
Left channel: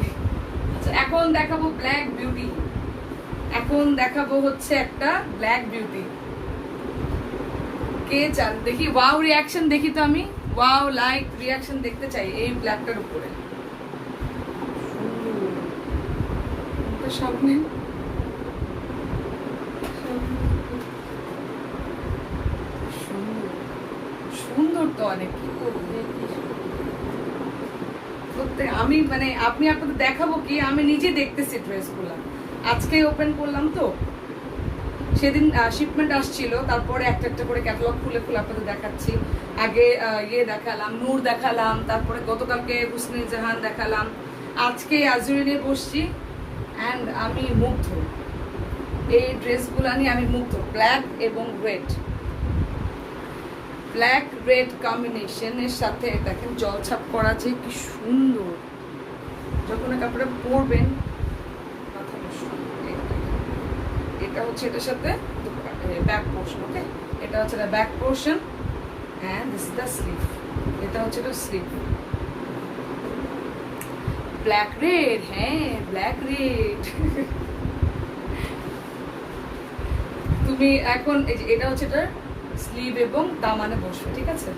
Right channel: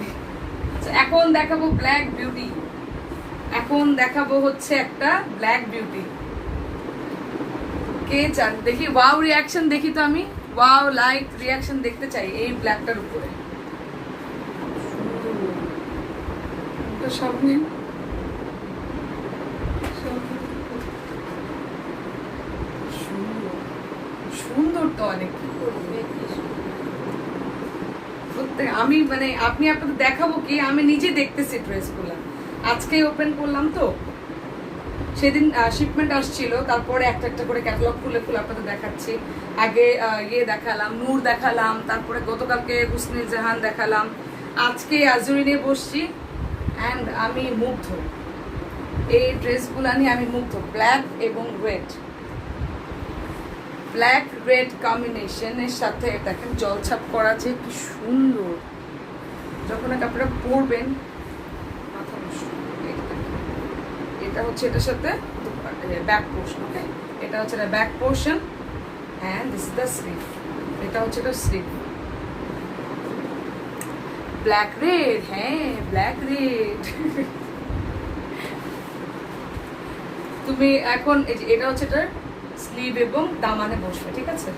আচ্ছা, এখন দেখাবো ব্ল্যাক বিউটি। এখন দেখাবো হচ্ছে একটা ব্ল্যাক বিউটি। কে চান দেখি ওয়াও রিয়াকশন, দেখি তো আমি ওয়াও লাইক রিয়াকশন দেখতে চাই এই ব্ল্যাকটার উপরে। সামনে সুন্দর তো অনেক, কি করবো প্রত্যেক আমি মানে আপনি আপনাদের দেখাবো কি, আমি নিজে দেখতেছি ড্রেসগুলো। আজকে ওপেন করলাম তো, সেদিন শিপমেন্ট আসছিল, তারপরে একটা একটা করে ক্যাটালগ খুলে খুলে আপনাদের দেখাচ্ছি। আগে ইয়ে দেখালাম, নূর দেখালাম, তারপরে গতকালকে হুসনে জাহান দেখালাম, আজকে আজুরি নিয়ে বসছি। অ্যান্ড আমি মুগ্ধ, এই ড্রেসগুলো নিয়ে আমি মুগ্ধ। ব্ল্যাক এবং রেড, ব্ল্যাক রেড কম্বিনেশনের সাথে দেখেন জলছাপ করা, যে কি সুন্দর। যখন আপনারা পরবেন মাথা নষ্ট। এটা হচ্ছে এটার সাথে ব্যাক পোর্শন। ওকে, এটা হচ্ছে এটা back portion and this is the sleeve. এটা হচ্ছে এটা স্লিভ, ব্ল্যাক রেড। হ্যাঁ, ব্ল্যাক রেড। তুমি এখন এই যে এটা হচ্ছে এটার স্লিভ এবং দামানে বসবে, ঠিক আছে।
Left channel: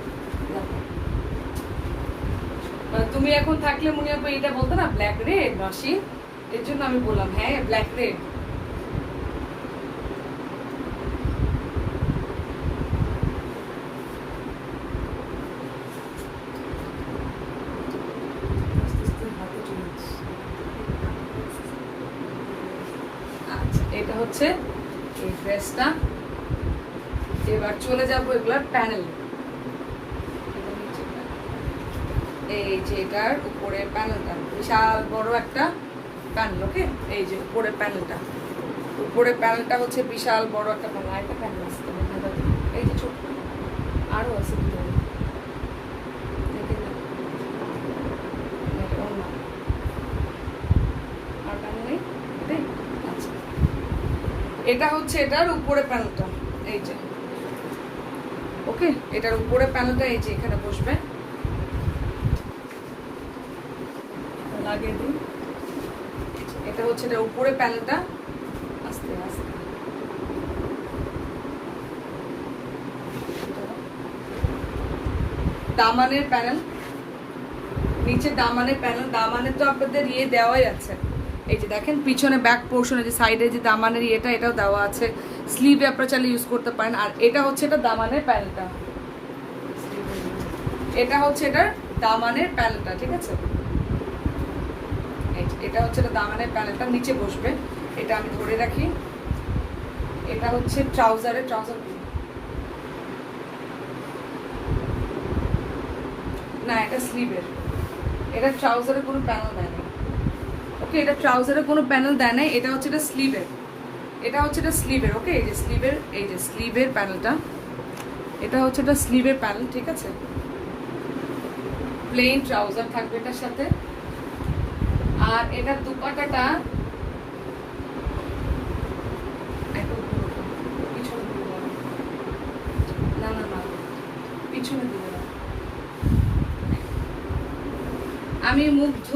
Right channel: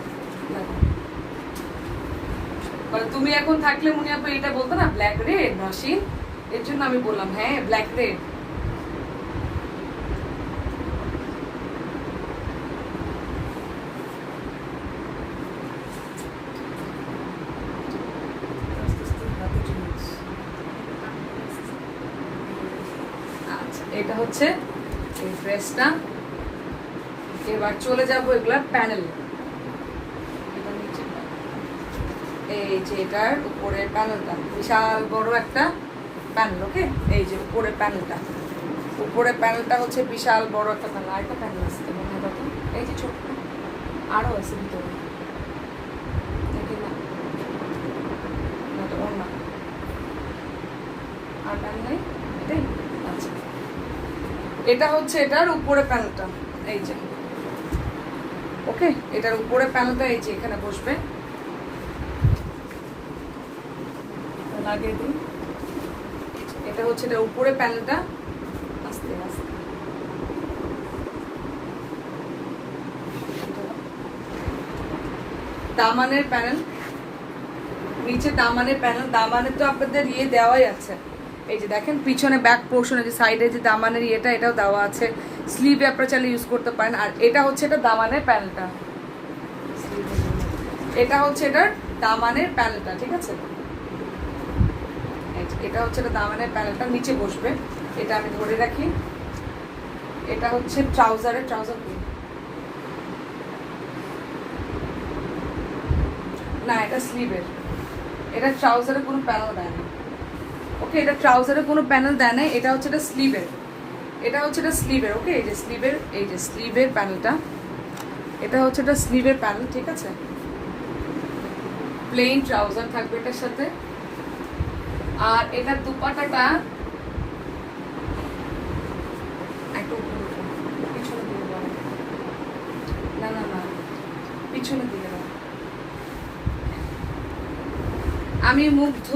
মানে তুমি এখন থাকলে মনে আপনি এটা বলতো না ব্ল্যাক রেড নসিন, এর জন্য আমি বললাম হ্যাঁ ব্ল্যাক রেড। আচ্ছা, এটা হচ্ছে এই ড্রেসটা। এবার চলে যাবো এগুলার প্যানেল। এই যে এটার উপরে প্যানেলটা, বিশাল বড় একটা প্যানেল। ওকে, এই যে উপরে প্যানেলটা, উপরে প্যানেলটা হচ্ছে বিশাল বড় একটা প্যানেল। আর একটা প্যানেল আসতে মনে হয় দাদা, এই যে ছোট্ট আরো আছে ভিতরে, দেখি না না আর প্যানেল নেই এটাই। আচ্ছা, এটা হচ্ছে এটার উপরে প্যানেলটা, এই যে। ওকে, এটার উপরে প্যানেলটা এই যে এখানে বসবে। লাগিয়ে দিই, এটা হচ্ছে এটার উপরে প্যানেলটা। আস্তে আস্তে দামানের প্যানেল, নিচে দামানের প্যানেল। দামানে তো আপনাদের ইয়ে দেওয়াই আছে, এই যে দেখেন পিছনে ব্যাক পোর্শনে যে সাইডে যে দামানের এটাও দেওয়া আছে, স্লিভে আপনারা চাইলে ইউজ করতে পারেন। আর এটা হচ্ছে এটা দামানের প্যানেলটা, এটা হচ্ছে এটার দামানের প্যানেলটা, ঠিক আছে? এটা হচ্ছে এটা দামানের প্যানেলটা, নিচে বসবে। এটা আমি ধরে রাখি। এটা হচ্ছে ট্রাউজার না, এটা স্লিভের। এটা ট্রাউজারে কোনো প্যানেল দেয় না। ওকে, এটা ট্রাউজারে কোনো প্যানেল দেয় না। এটা হচ্ছে এটা স্লিভের, ওকে। এই যে স্লিভের প্যানেলটা, এটা হচ্ছে এটা স্লিভের প্যানেল, ঠিক আছে? প্লেন ট্রাউজার থাকবে এটার সাথে। আর এটার দুপাট্টাটা পিছনে দিলে না, পিছনে দিলে না। আমি মুগ্ধ,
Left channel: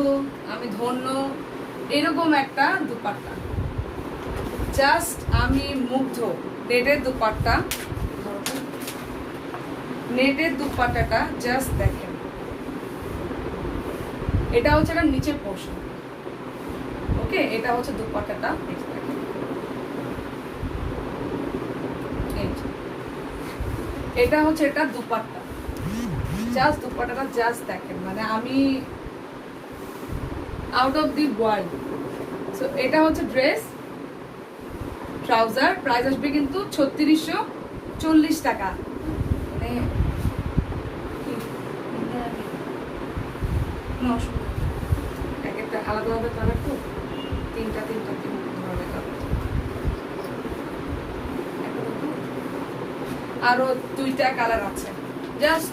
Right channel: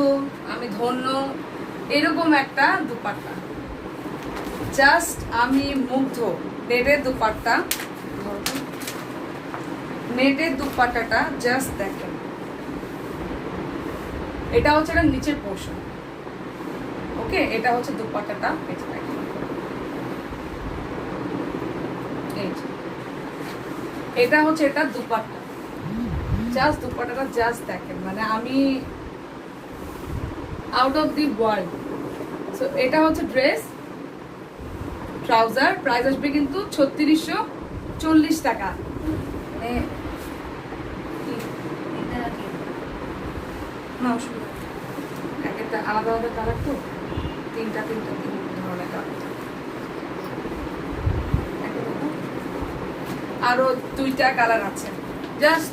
আমি ধন্য, এরকম একটা দুপাট্টা, জাস্ট আমি মুগ্ধ। নেটের দুপাট্টাটা জাস্ট দেখেন। এটা হচ্ছে এটা নিচের পোর্শন, ওকে। এটা হচ্ছে দুপাট্টাটা, এই যে দেখেন, এটা হচ্ছে এটা দুপাট্টা, জাস্ট দুপাট্টাটা জাস্ট দেখেন, মানে আমি out of the world. So এটা হচ্ছে ড্রেস, ট্রাউজার, প্রাইস আসবে কিন্তু 3640 টাকা। মানে না, অসুবিধা একটা আলাদা আলাদা কালার তো, তিনটা ধরনের কালার। আরো 2টা কালার আছে, জাস্ট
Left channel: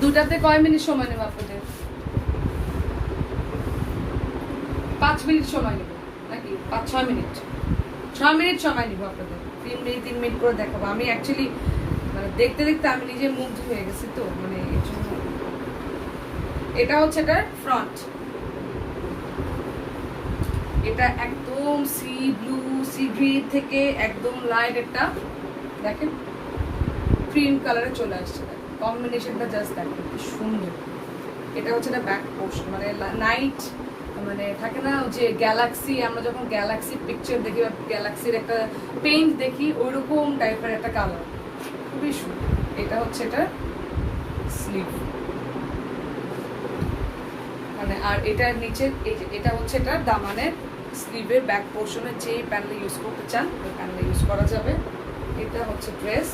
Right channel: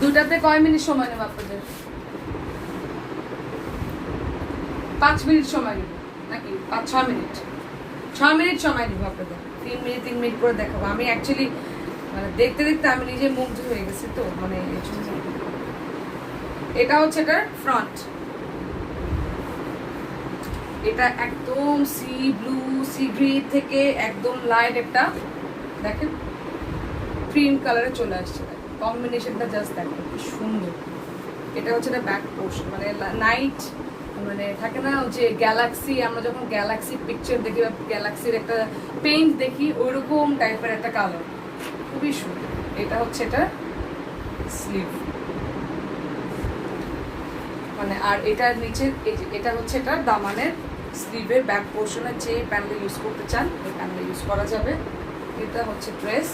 2টাতে কয় মিনিট সময় নেব আপনাদের? 5 মিনিট সময় নেব নাকি 5-6 মিনিট? 6 মিনিট সময় নিব আপনাদের। 3 মিনিট করে দেখাবো। আমি অ্যাকচুয়ালি মানে দেখতে আমি নিজে মুগ্ধ হয়ে গেছি, তো মানে এর জন্য। এটা হচ্ছে এটার ফ্রন্ট, এটা একদম সি ব্লু, সি গ্রিন থেকে একদম লাইট একটা দেখেন ক্রিম কালারে চলে আসছে। কম্বিনেশনটা জাস্ট দেখেন কি সুন্দর। এটা হচ্ছে এটা ব্যাক পোর্শন, মানে নাইট, মানে থাকে না যে গ্যালাক্সি, আমরা যখন গ্যালাক্সি পিকচার দেখি বা গ্যালাক্সির একটা পেইন্ট দেখি, ওইরকম টাইপের একটা কালার, খুবই সুন্দর। এটা হচ্ছে এটা স্লিভ, মানে আর এটার নিচে এই যে এটা হচ্ছে এটা দামানের স্লিভের ব্যাক পোর্শনের যে প্যানেল ইউজ করতে চান ওই প্যানেল ইউজ করা যাবে। এটা হচ্ছে ড্রেস,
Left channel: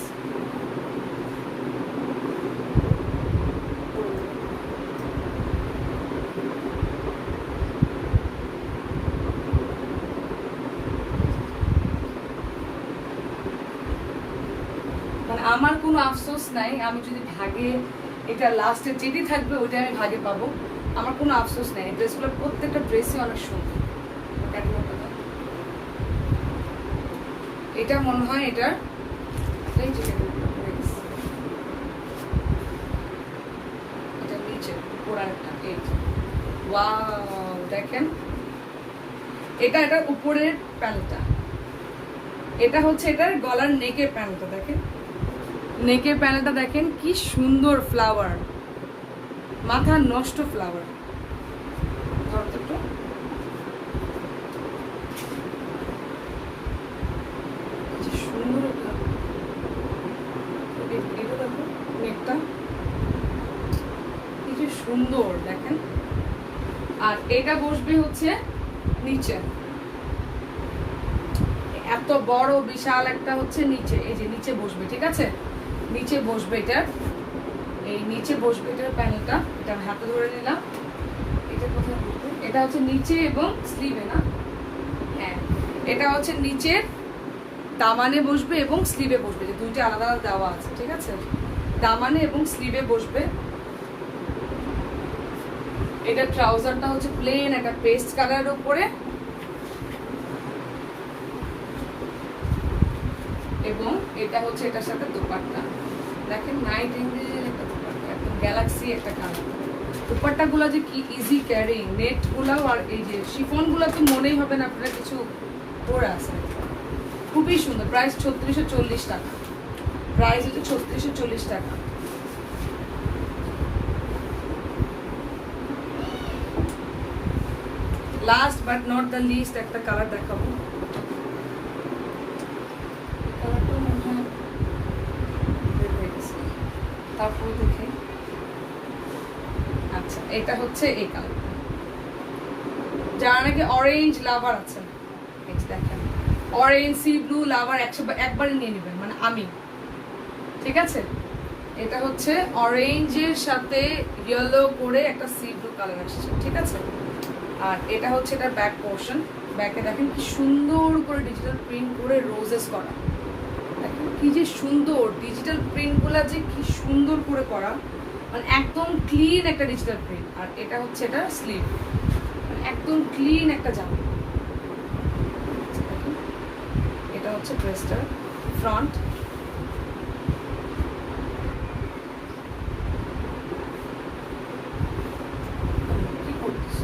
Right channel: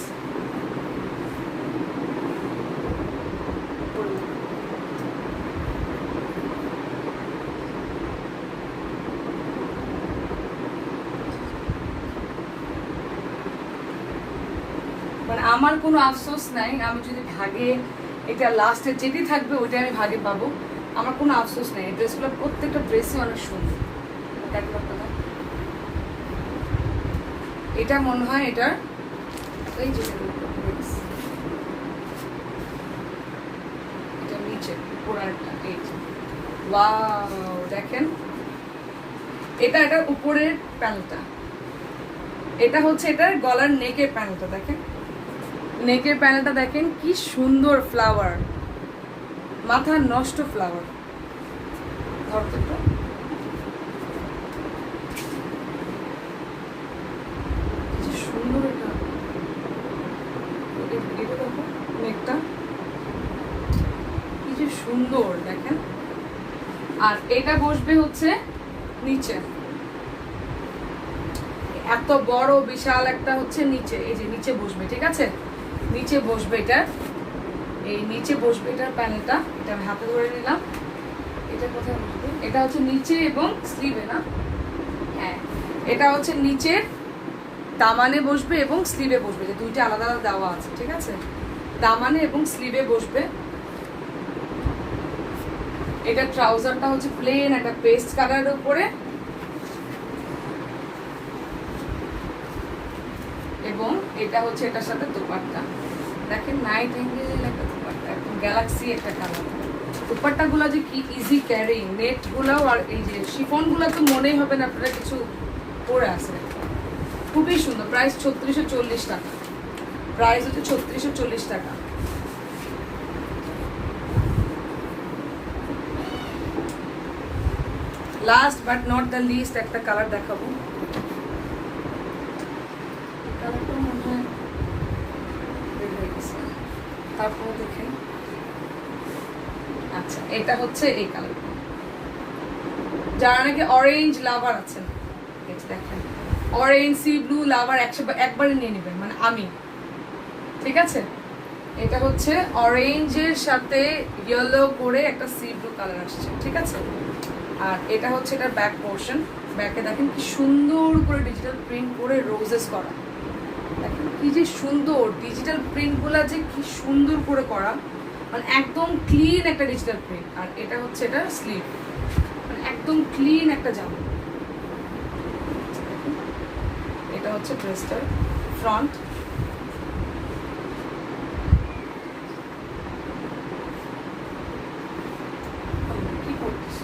মানে আমার কোনো আফসোস নাই, আমি যদি ভাগে এটা লাস্টে যেটি থাকবে ওইটা আমি ভাগে পাবো, আমার কোনো আফসোস নেই। ড্রেসগুলো প্রত্যেকটা ড্রেসই অনেক সুন্দর। এটা মনে হয় এটার এটা নিচে উপরেরটা, এই ওয়াও দেখেন, এটা এটার উপরের প্যানেলটা। এটা হচ্ছে এটার গলার নেকের প্যানেলটা, দেখেন নেকের প্যানেলটা দেখেন কি সুন্দর, ফ্লাওয়ার, মাথা নষ্ট ফ্লাওয়ার। সুন্দর এটা, দেখো নেকটা কি যে সুন্দর দেখেন। আর এটা বসবে হচ্ছে নিচে, এত বড় বিশাল একটা হচ্ছে নিচে, এই যে নিচে বসবে, ঠিক আছে? নিচে বসবে এটা, এই নিচে বসবে এটার প্যানেলটা। এটা আমি হাতে ধরে নিলাম। এটা কোথায় বসবে? এটা হচ্ছে নিচে এবং স্লিভে, না? হ্যাঁ, এটা হচ্ছে নিচের দামানে বসবে এবং স্লিভে বসবে, যে দুইটা আলাদা আলাদা দেওয়া আছে, ঠিক আছে? দামানে এবং স্লিভে বসবে। এটা ট্রাউজারটা হচ্ছে প্লেন একটা পেস্ট কালারের উপরে, এবং এটা হচ্ছে এটার সাথে দুপাট্টা। দেখেন নাইট এঙ্গেল একটা দুপাট্টা, একদম গ্যালাক্সি একটা কালার। দুপাট্টাগুলো যে কি ইজি ক্যারিং, নেটগুলোও আর এই যে শিফনগুলো তো মনেই হবে না আপনারা কিছু পরে আছে। খুবই সুন্দর। প্রাইস 3640 টাকা, প্রাইস হচ্ছে 3640 টাকা। Last but not the least একটা কালার দেখাবো। কালারটা মনে হয় বের হয়ে গেছে, তারপর দেখে। আচ্ছা, এটা হচ্ছে এই কালারটা, যারা নাকি অরেঞ্জ লাভার আছেন, দেখেন অরেঞ্জ সি ব্লু লাভার একবারে নিয়ে নেবেন, মানে আমি, ঠিক আছে। এটা হচ্ছে অরেঞ্জের সাথে ইয়েলো করে একটা সি ব্লু কালার আসছে, ঠিক আছে। আর এটা হচ্ছে এটা ব্যাক পোর্শন, ব্যাকে দেখেন কি সুন্দর করে ডিজিটাল প্রিন্ট করে রোজেস করা, দেখেন কি যে সুন্দর ডিজিটাল প্রিন্টগুলো, যে কি সুন্দর করে করা, মানে একদম ক্লিন একটা ডিজিটাল প্রিন্ট। আর এটা হচ্ছে এটা স্লিভ, মানে একদম ক্লিন একটা জামা। এটা হচ্ছে ড্রেসটার ফ্রন্ট। কি করছিস,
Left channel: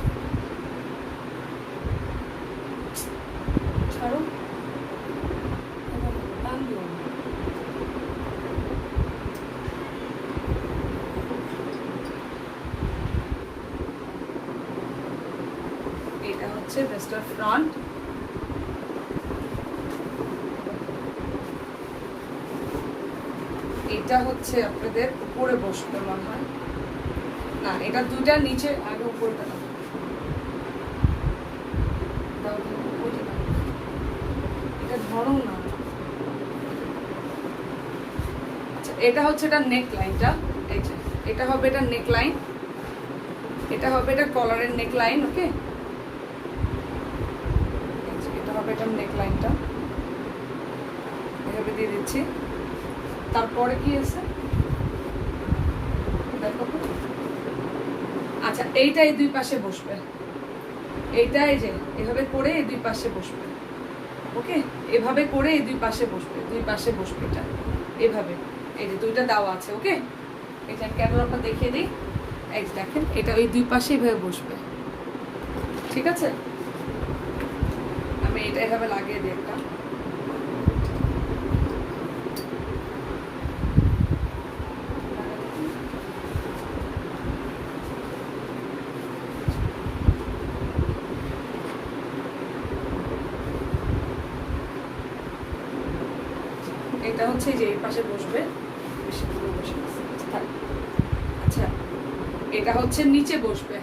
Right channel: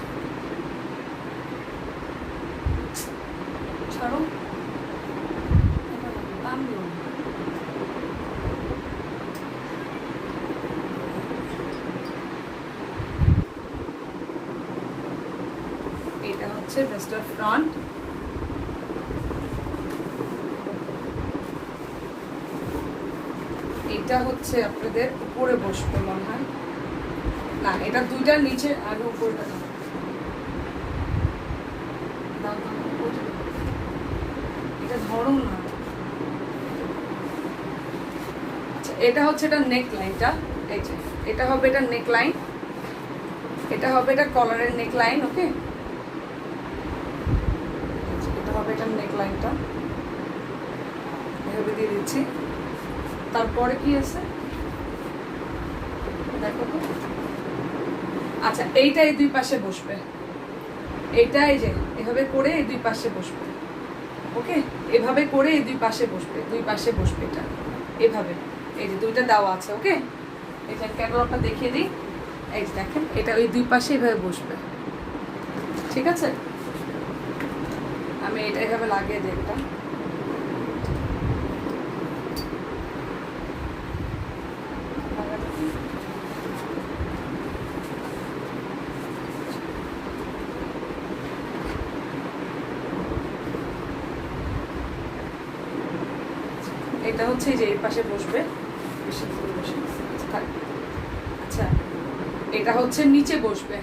ছাড়ো, দাম দিও না। এটা হচ্ছে ড্রেসটার ফ্রন্ট। এটা হচ্ছে আপনাদের উপরে বসবে মনে হয়, না এটা দুইটার নিচে, আগে উপরটা এটা ধরো না। আচ্ছা, এটা হচ্ছে এটা নেক লাইনটা, এই যে এটা হবে এটা নেক লাইন, এটা হবে এটা কলারের নেক লাইন, ওকে। এটা হবে এটা নেক লাইনটা, এভাবে দিয়ে দিচ্ছি। তারপরে কি আছে দেখো তো। আচ্ছা, এইটা এই দুই পাশে বসবে, এইটা এই যে এভাবে করে এই দুই পাশে বসবে, ওকে। এভাবে করে এই দুই পাশে বসবে, দুই পাশে বসবে এটা এভাবে, এই যে দুইটা দেওয়া আছে, ওকে। এটা ক্যাটালগটা দেখিয়ে দিই, এই যে দেখেন এটা ওই দুই পাশে এভাবে বসবে, ঠিক আছে। আমি এটা এভাবে লাগিয়ে দিই একটা, এটা হচ্ছে যে এই পাশে বসবে, আচ্ছা এটা হচ্ছে নিচে বসবে,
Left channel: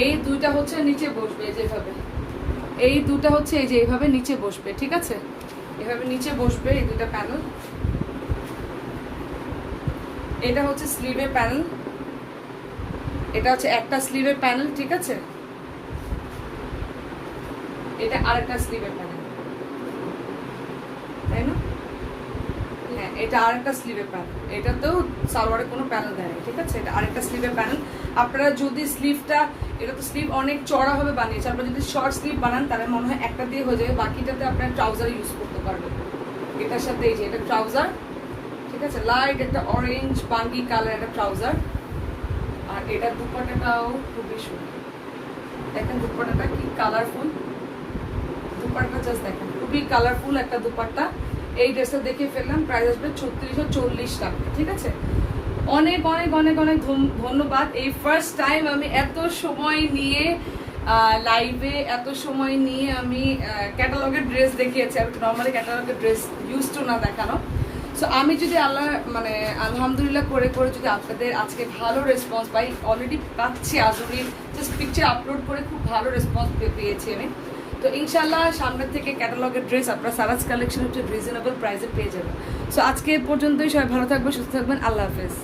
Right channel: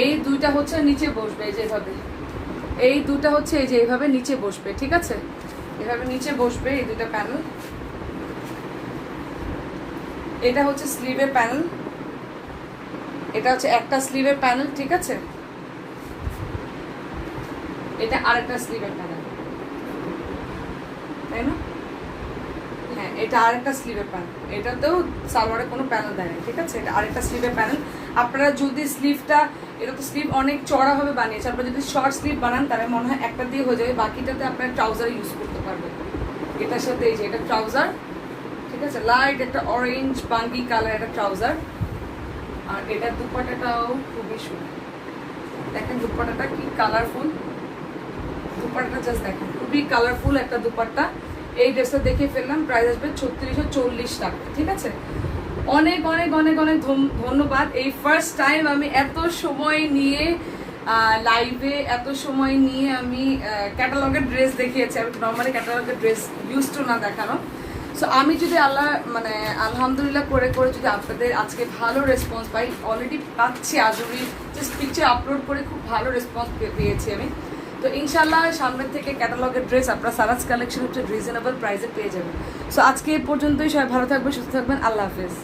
এই দুইটা হচ্ছে নিচে বসবে, এই যে এভাবে, এই দুটো হচ্ছে এই যে এইভাবে নিচে বসবে, ঠিক আছে। এভাবে নিচে বসবে এই দুটো প্যানেল। এটা হচ্ছে স্লিভের প্যানেল, এটা হচ্ছে একটা স্লিভের প্যানেল, ঠিক আছে। এটা আরেকটা স্লিভের প্যানেল, তাই না? হ্যাঁ, এটা আরেকটা স্লিভের প্যানেল, এটাতেও সালোয়ারে কোনো প্যানেল দেয় না, ঠিক আছে। এটা আরেকটা স্লিভের প্যানেল। আপনারা যদি স্লিভটা, এটা তো স্লিভ অনেক চড়া হবে বানিয়েছে, আপনারা যদি শর্ট স্লিভ বানান তাহলে মনে হয় একটা দিয়ে হয়ে যাবে, বাকিটাতে আপনারা ট্রাউজার ইউজ করতে পারবেন। এটার সাথে এই যে এটা ট্রাউজার, ঠিক আছে, লাইট একটা অরেঞ্জ বাঙ্গি কালার একটা ট্রাউজার। আর এটার দুপাট্টাটাও খুবই সুন্দর, দেখেন দুপাট্টাটা কি কালারফুল, দুপাট্টাটা জাস্ট দেখেন খুবই কালারফুল একটা দুপাট্টা। এই ড্রেসটা দেখে ফেললাম, প্রাইস আসবে 3640 টাকা, ঠিক আছে। অনেক অনেক অনেক অনেক ধন্যবাদ। এই ফার্স্ট টাইম আমি এত সময় নিয়ে লাইভে, এত সময় নিয়ে আমি ক্যাটালগের ড্রেস দেখিয়েছি। আমি নর্মালি ক্যাটালগের ড্রেস ইউজ টু না দেখানো। সো আমি যদি আলহামদুলিল্লাহ করে করে যদি আপনাদের আজকে ভালো রেসপন্স পাই, অলরেডি পাচ্ছি, আজকে জাস্ট পিকচার আপলোড করে খুব ভালো রেসপন্স পেয়েছি আমি। তো ইনশাল্লাহ সামনের থেকে ক্যাটালগের ড্রেস আপনারা সারাজ কালেকশন হচ্ছে রিজনেবল প্রাইসে পেয়ে যাবেন। সো আজকে পর্যন্তই, সবাই ভালো থাকবেন, সুস্থ থাকবেন, আল্লাহ হাফেজ।